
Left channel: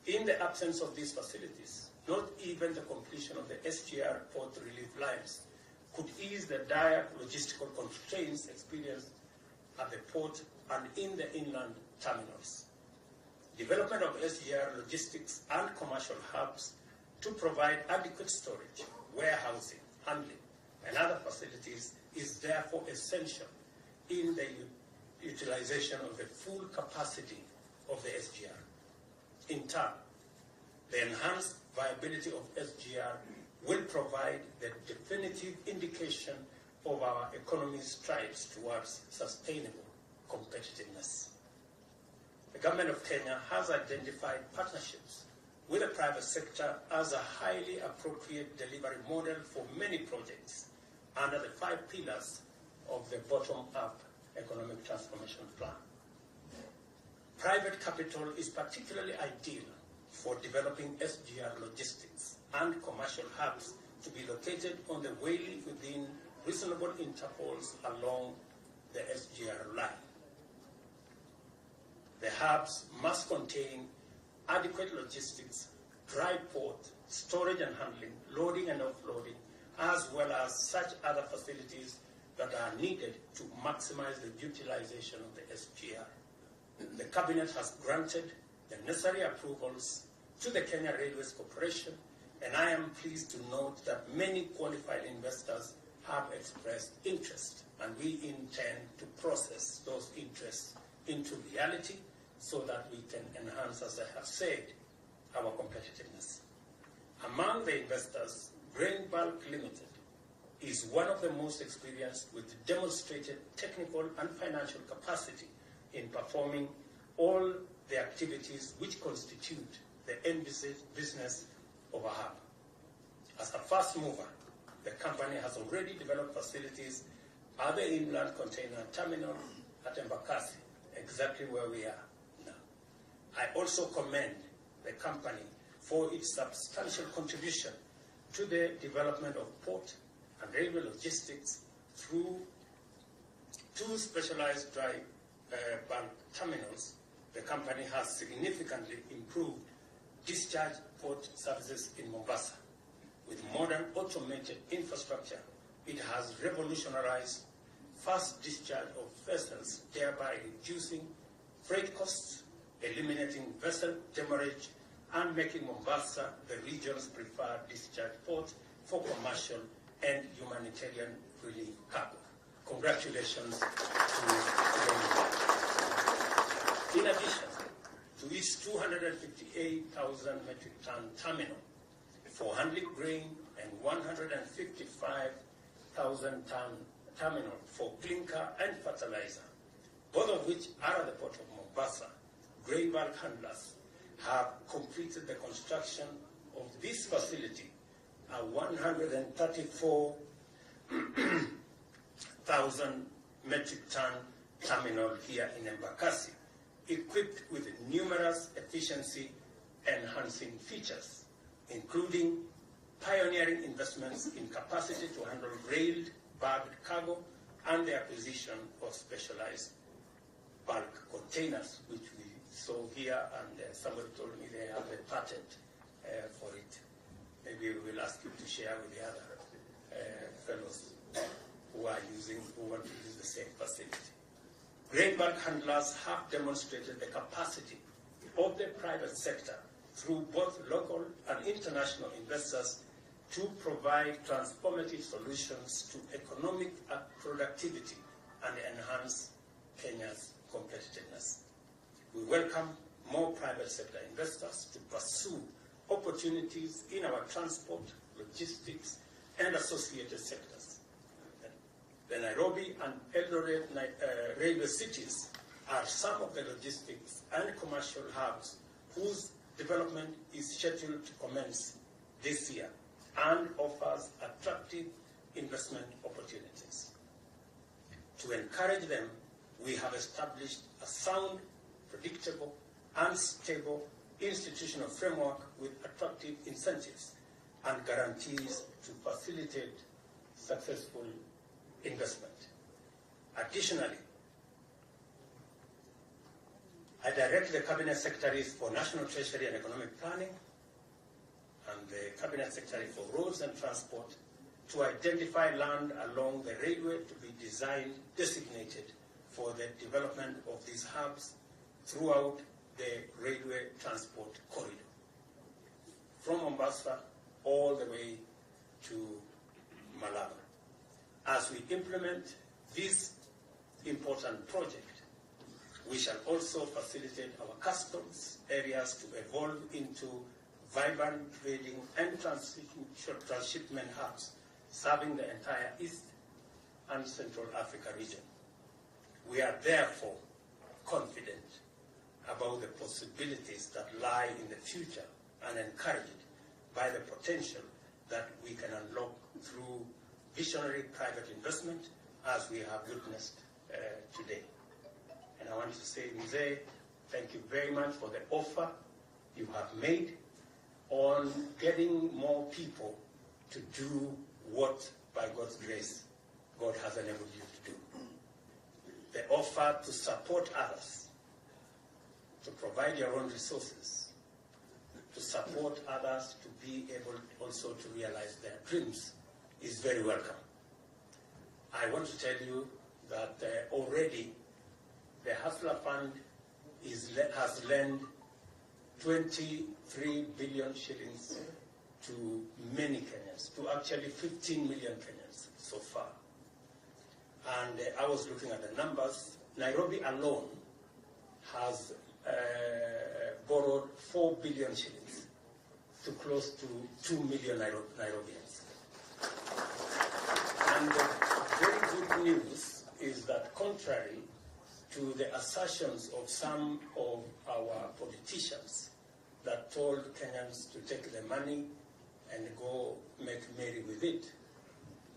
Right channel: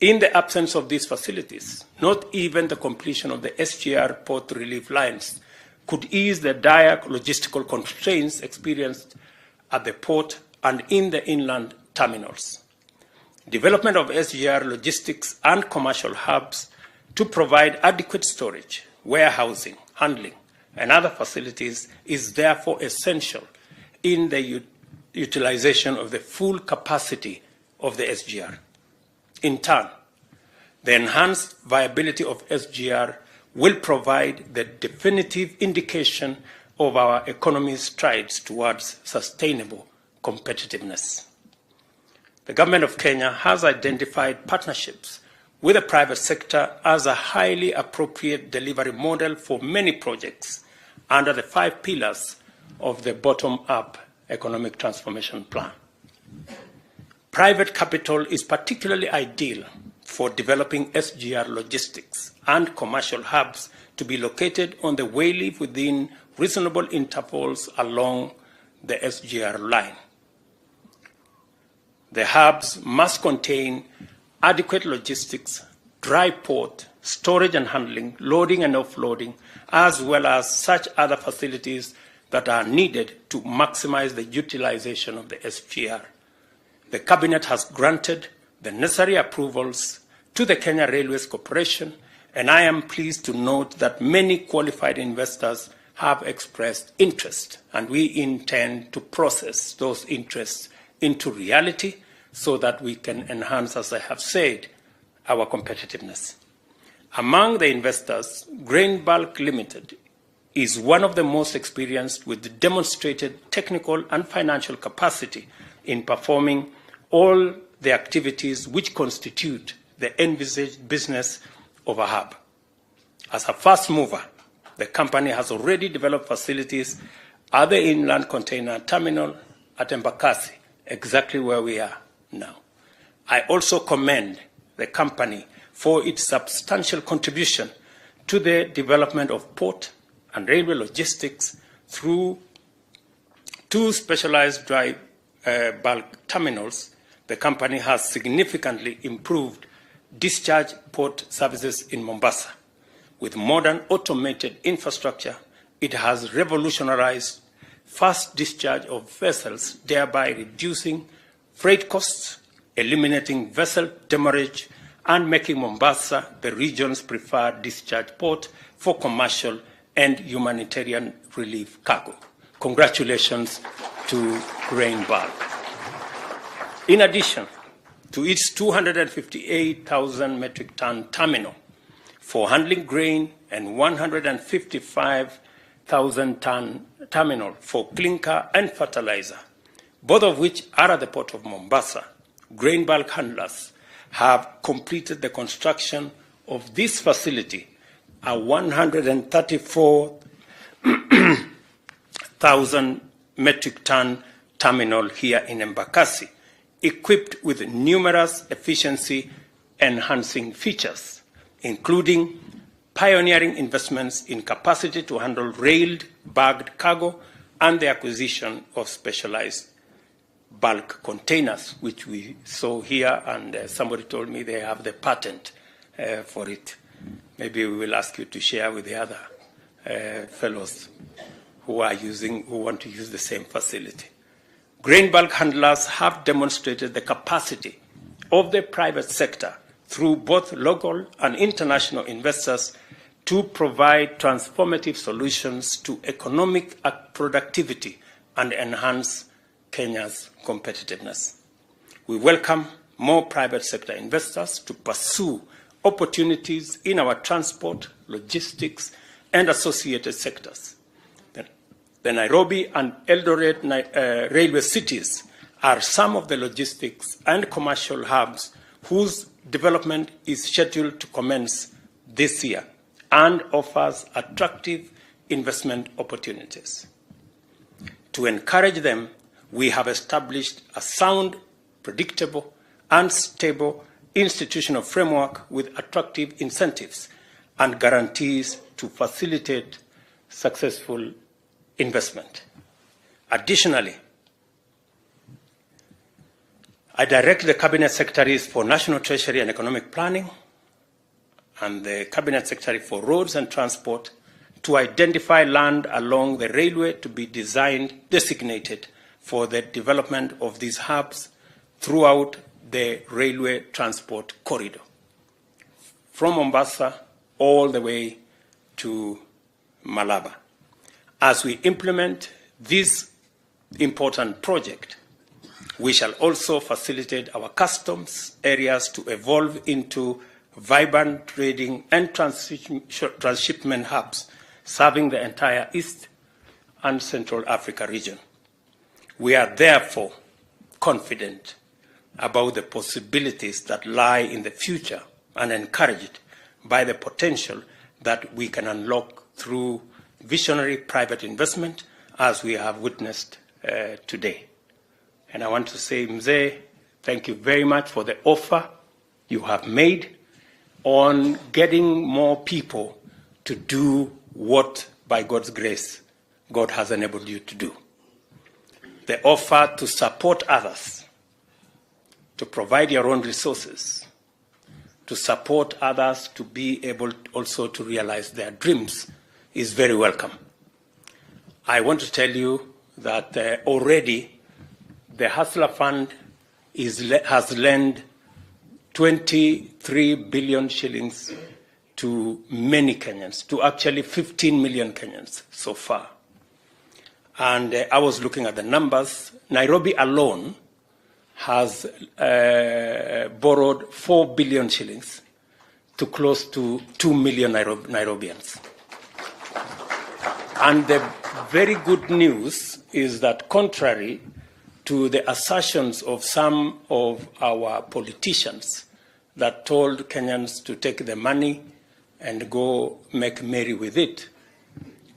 In the absence of these facilities, not even the completion of the SGR port relief lines could ease the dire logistical constraints experienced at the port and in the inland terminals. Development of SGR logistics and commercial hubs to provide adequate storage, warehousing, handling, and other facilities is therefore essential in the utilization of the full capacity of the SGR. In turn, the enhanced viability of SGR will provide the definitive indication of our economy's strides towards sustainable competitiveness. The government of Kenya has identified partnerships with the private sector as a highly appropriate delivery model for many projects under the 5 pillars of the bottom-up economic transformation plan. Private capital is particularly ideal for developing SGR logistics and commercial hubs to be located on the wayleave within reasonable intervals along the SGR line. The hubs must contain adequate logistics, dry port, storage and handling, loading and offloading, as well as such other facilities that are needed to maximize the utilization of the SGR. The Cabinet has granted the necessary approvals to the Kenya Railways Corporation, and I am pleased to note that many qualified investors have expressed interest, and we intend to process those interests into reality so that we can enhance, as I have said, our competitiveness. Among the investors, Grain Bulk Limited is one of the most experienced with demonstrated technical and financial capacity in performing all the activities which constitute the envisaged business of a hub. As a first mover, the company has already developed facilities at the inland container terminal at Embakasi, exactly where we are now. I also commend the company for its substantial contribution to the development of port and railway logistics through two specialized dry bulk terminals. The company has significantly improved discharge port services in Mombasa. With modern automated infrastructure, it has revolutionized fast discharge of vessels, thereby reducing freight costs, eliminating vessel demurrage, and making Mombasa the region's preferred discharge port for commercial and humanitarian relief cargo. Congratulations to Grain Bulk. In addition to its 258,000 metric ton terminal for handling grain and 155,000 ton terminal for clinker and fertilizer, both of which are at the port of Mombasa, Grain Bulk handlers have completed the construction of this facility, a 134,000 metric ton terminal here in Embakasi, equipped with numerous efficiency-enhancing features, including pioneering investments in capacity to handle railed bagged cargo and the acquisition of specialized bulk containers, which we saw here, and somebody told me they have the patent for it. Maybe we will ask you to share with the other fellows who want to use the same facility. Grain bulk handlers have demonstrated the capacity of the private sector through both local and international investors to provide transformative solutions to economic productivity and enhance Kenya's competitiveness. We welcome more private sector investors to pursue opportunities in our transport, logistics, and associated sectors. The Nairobi and Eldoret railway cities are some of the logistics and commercial hubs whose development is scheduled to commence this year and offers attractive investment opportunities. To encourage them, we have established a sound, predictable, and stable institutional framework with attractive incentives and guarantees to facilitate successful investment. Additionally, I direct the Cabinet Secretaries for National Treasury and Economic Planning and the Cabinet Secretary for Roads and Transport to identify land along the railway to be designated for the development of these hubs throughout the railway transport corridor, from Mombasa all the way to Malaba. As we implement this important project, we shall also facilitate our customs areas to evolve into vibrant trading and transshipment hubs, serving the entire East and Central Africa region. We are therefore confident about the possibilities that lie in the future and encouraged by the potential that we can unlock through visionary private investment, as we have witnessed today. And I want to say, Mzee, thank you very much for the offer you have made on getting more people to do what, by God's grace, God has enabled you to do. The offer to support others, to provide your own resources, to support others to be able also to realize their dreams is very welcome. I want to tell you that already the Hustler Fund has lent 23 billion shillings to many Kenyans, to actually 15 million Kenyans so far. And I was looking at the numbers. Nairobi alone has borrowed 4 billion shillings to close to 2 million Nairobians. And the very good news is that contrary to the assertions of some of our politicians that told Kenyans to take the money and go make merry with it,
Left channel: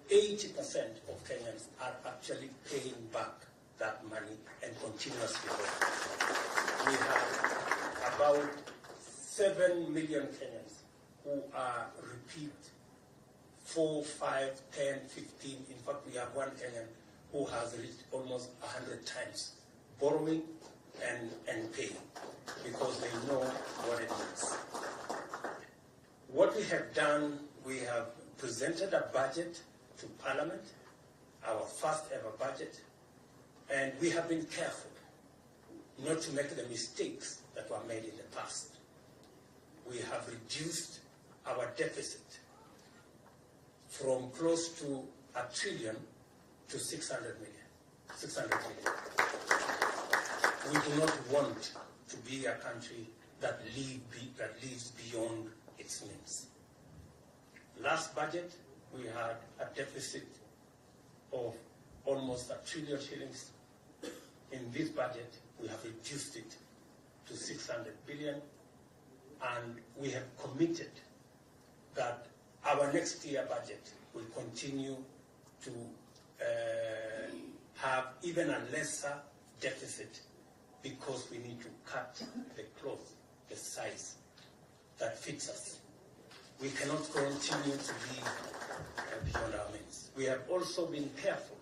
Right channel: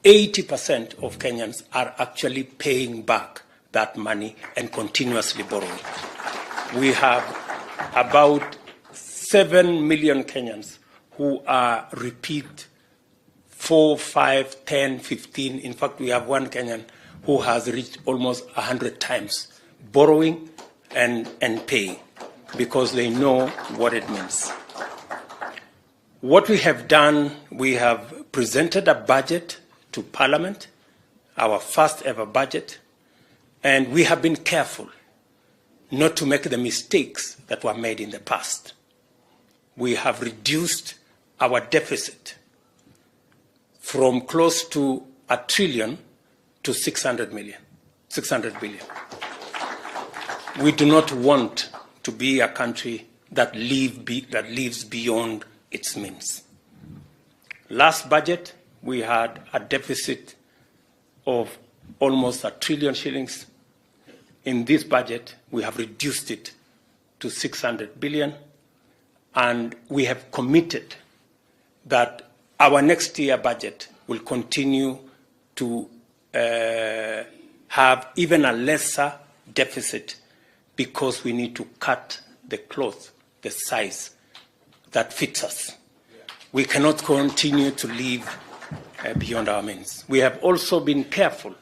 80% of Kenyans are actually paying back that money and continuously borrowing. We have about 7 million Kenyans who are repeat 4, 5, 10, 15. In fact, we have one Kenyan who has reached almost 100 times borrowing and paying because they know what it means. What we have done, we have presented a budget to Parliament, our first ever budget, and we have been careful not to make the mistakes that were made in the past. We have reduced our deficit from close to $1 trillion to 600 billion. We do not want to be a country that lives beyond its means. Last budget, we had a deficit of almost $1 trillion shillings. In this budget, we have reduced it to 600 billion, and we have committed that our next year budget will continue to have even a lesser deficit because we need to cut the cloth, the size that fits us. We cannot continue to live beyond our means. We have also been careful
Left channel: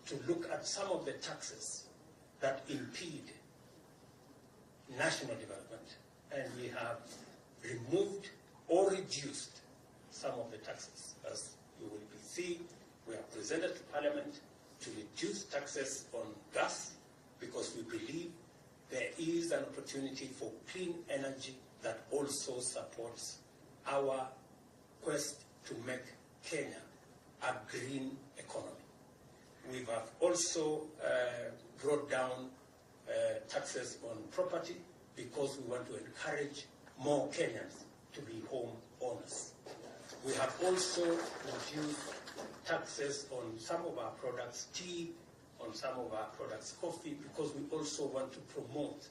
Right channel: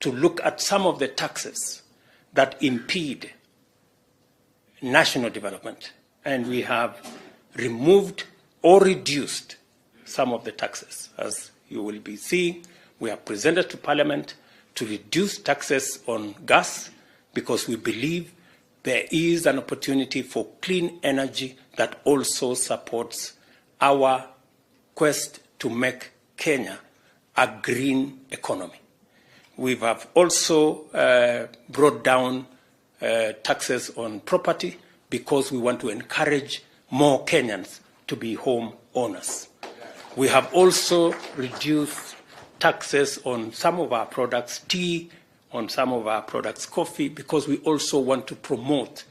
to look at some of the taxes that impede national development, and we have removed or reduced some of the taxes. As you will be seeing, we have presented to Parliament to reduce taxes on gas because we believe there is an opportunity for clean energy that also supports our quest to make Kenya a green economy. We have also brought down taxes on property because we want to encourage more Kenyans to be home owners. We have also reduced taxes on some of our products, tea, on some of our products, coffee, because we also want to promote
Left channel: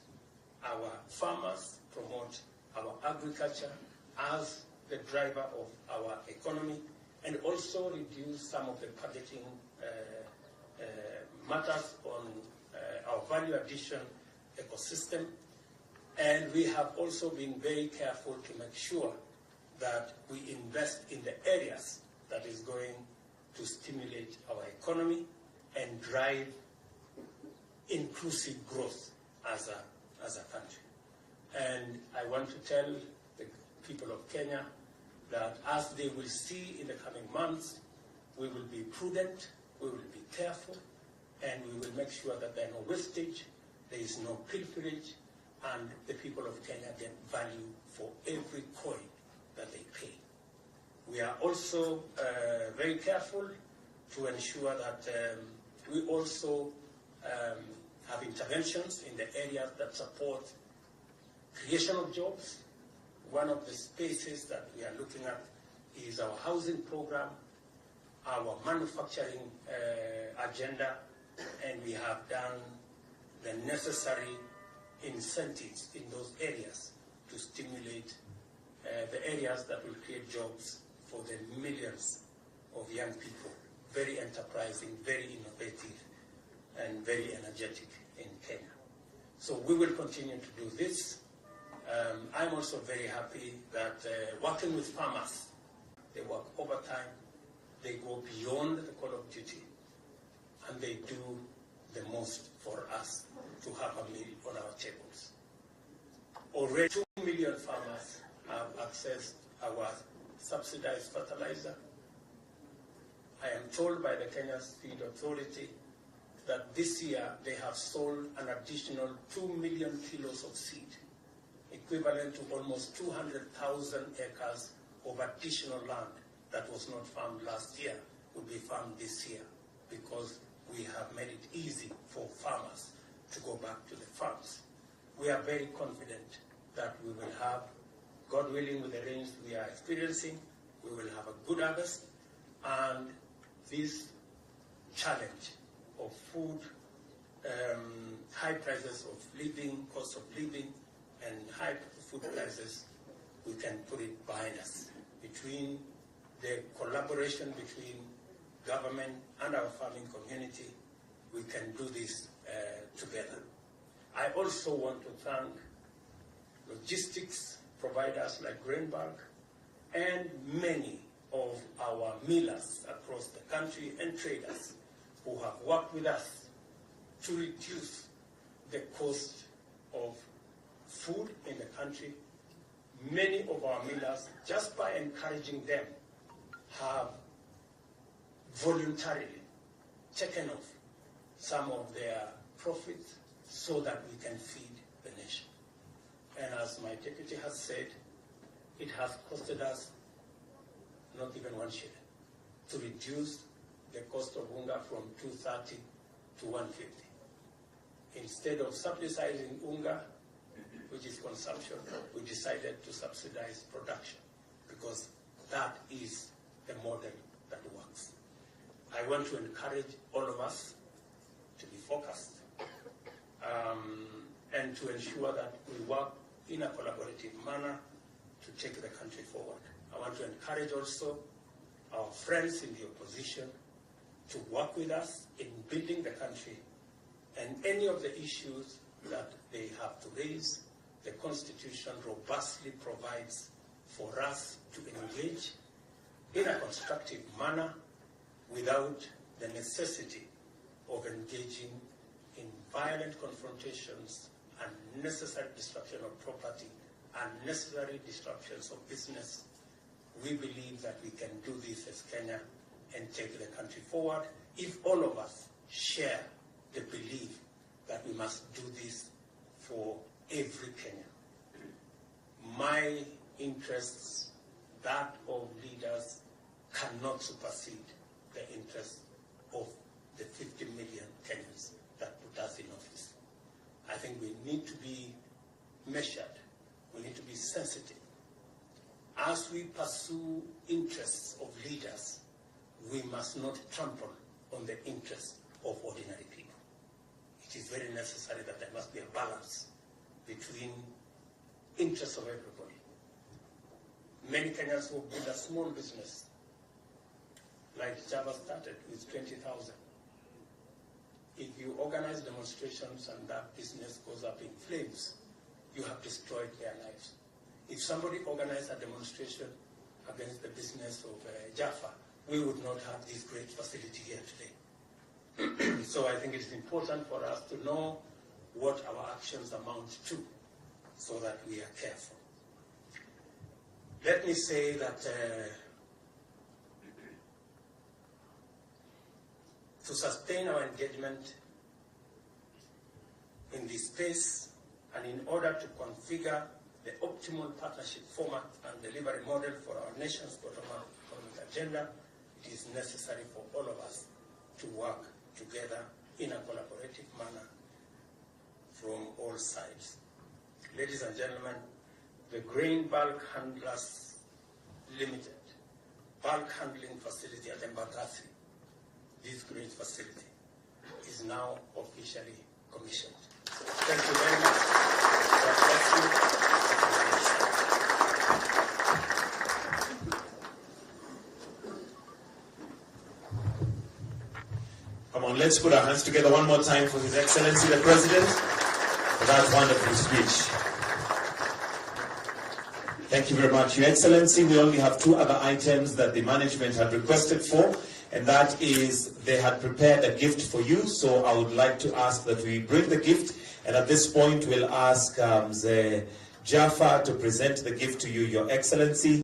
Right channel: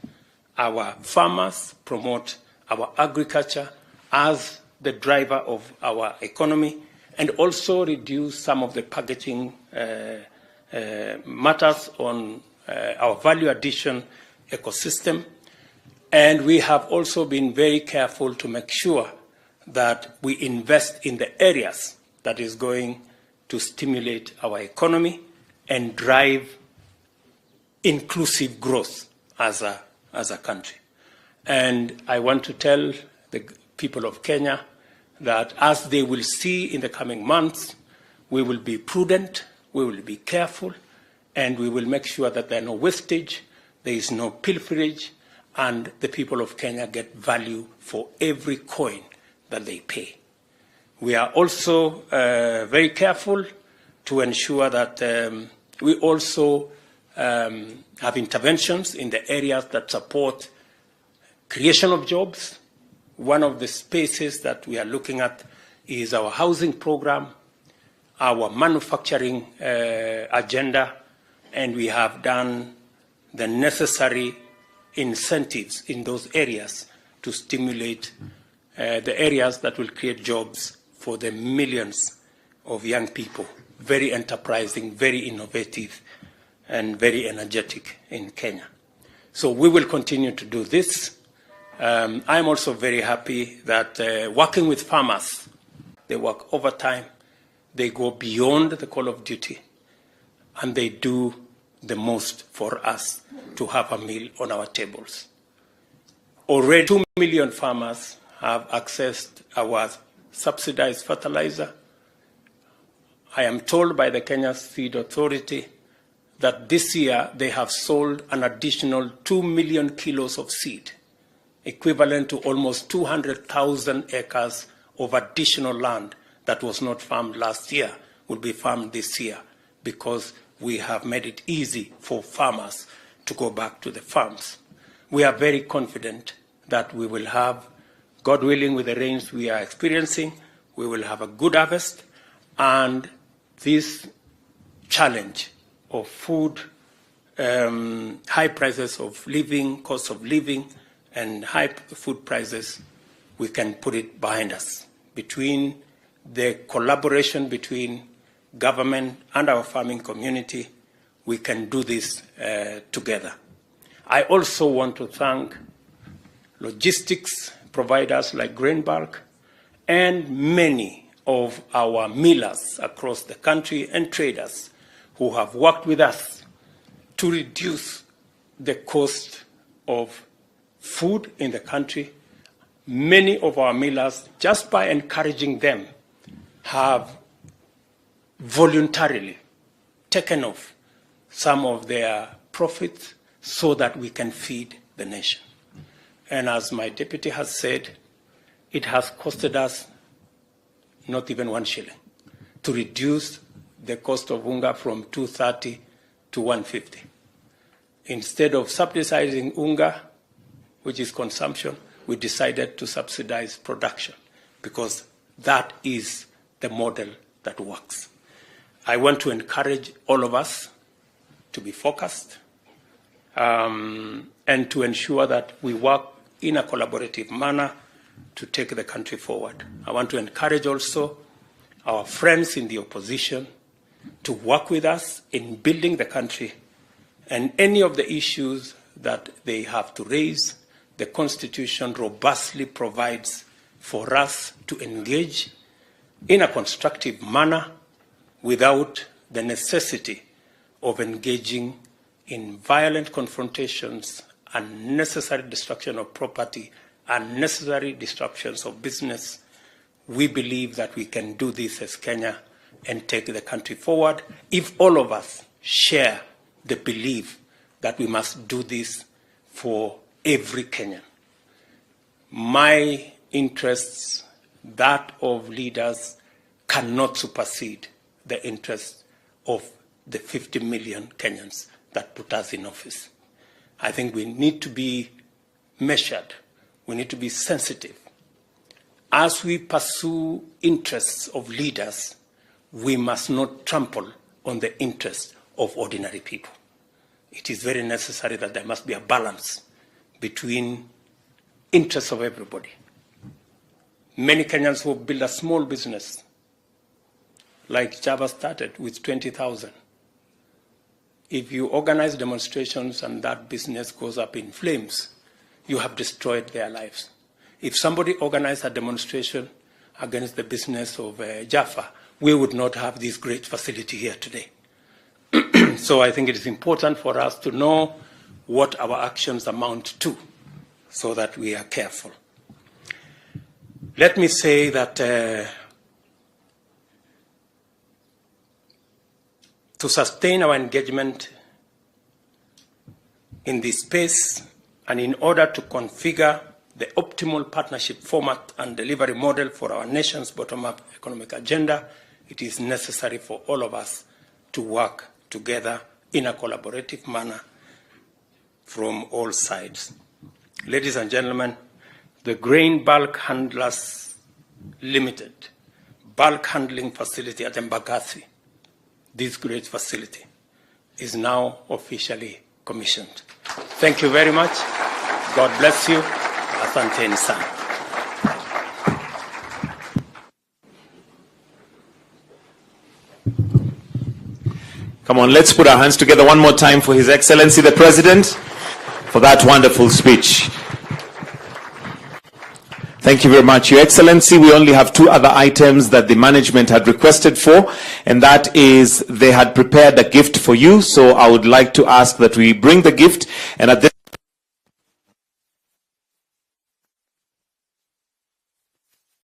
our farmers, promote our agriculture as the driver of our economy, and also reduce some of the packaging matters on our value addition ecosystem. And we have also been very careful to make sure that we invest in the areas that is going to stimulate our economy and drive inclusive growth as a country. And I want to tell the people of Kenya that as they will see in the coming months, we will be prudent, we will be careful, and we will make sure that there are no wastage, there is no pilferage, and the people of Kenya get value for every coin that they pay. We are also very careful to ensure that we also have interventions in the areas that support creation of jobs. One of the spaces that we are looking at is our housing program, our manufacturing agenda, and we have done the necessary incentives in those areas to stimulate the areas that will create jobs for the millions of young people, very enterprising, very innovative, and very energetic in Kenya. So we will continue to do this. I'm also very happy that working with farmers, they work overtime, they go beyond the call of duty, and they do the most for us to have a meal on our tables. Already 2 million farmers have accessed our subsidized fertilizer. I am told by the Kenya Seed Authority that this year they have sold an additional 2 million kilos of seed, equivalent to almost 200,000 acres of additional land that was not farmed last year will be farmed this year, because we have made it easy for farmers to go back to the farms. We are very confident that we will have, God willing, with the rains we are experiencing, we will have a good harvest, and this challenge of food, high prices of living, cost of living, and high food prices, we can put it behind us. Between the collaboration between government and our farming community, we can do this together. I also want to thank logistics providers like Grain Bulk and many of our millers across the country and traders who have worked with us to reduce the cost of food in the country. Many of our millers, just by encouraging them, have voluntarily taken off some of their profits so that we can feed the nation. And as my deputy has said, it has costed us not even 1 shilling to reduce the cost of unga from 230 to 150. Instead of subsidizing unga, which is consumption, we decided to subsidize production, because that is the model that works. I want to encourage all of us to be focused and to ensure that we work in a collaborative manner to take the country forward. I want to encourage also our friends in the opposition to work with us in building the country, and any of the issues that they have to raise, the Constitution robustly provides for us to engage in a constructive manner without the necessity of engaging in violent confrontations, unnecessary destruction of property, unnecessary disruptions of business. We believe that we can do this as Kenya and take the country forward if all of us share the belief that we must do this for every Kenyan. My interests, that of leaders, cannot supersede the interests of the 50 million Kenyans that put us in office. I think we need to be measured. We need to be sensitive. As we pursue interests of leaders, we must not trample on the interests of ordinary people. It is very necessary that there must be a balance between interests of everybody. Many Kenyans who build a small business, like Java started with 20,000. If you organize demonstrations and that business goes up in flames, you have destroyed their lives. If somebody organized a demonstration against the business of Jaffa, we would not have this great facility here today. So I think it is important for us to know what our actions amount to, so that we are careful. Let me say that to sustain our engagement in this space, and in order to configure the optimal partnership format and delivery model for our nation's bottom-up economic agenda, it is necessary for all of us to work together in a collaborative manner from all sides. Ladies and gentlemen, the Grain Bulk Handlers Limited bulk handling facility at Embakasi, this great facility, is now officially commissioned. Thank you very much. God bless you. Asanteni sana. Come on, let's put our hands together one more time for His Excellency the President for that wonderful speech. Thank you very much, Your Excellency. We only have 2 other items that the management had requested for, and that is they had prepared a gift for you. So I would like to ask that we bring the gift, and at this point we'll ask Mzee Jaffa to present the gift to you, Your Excellency.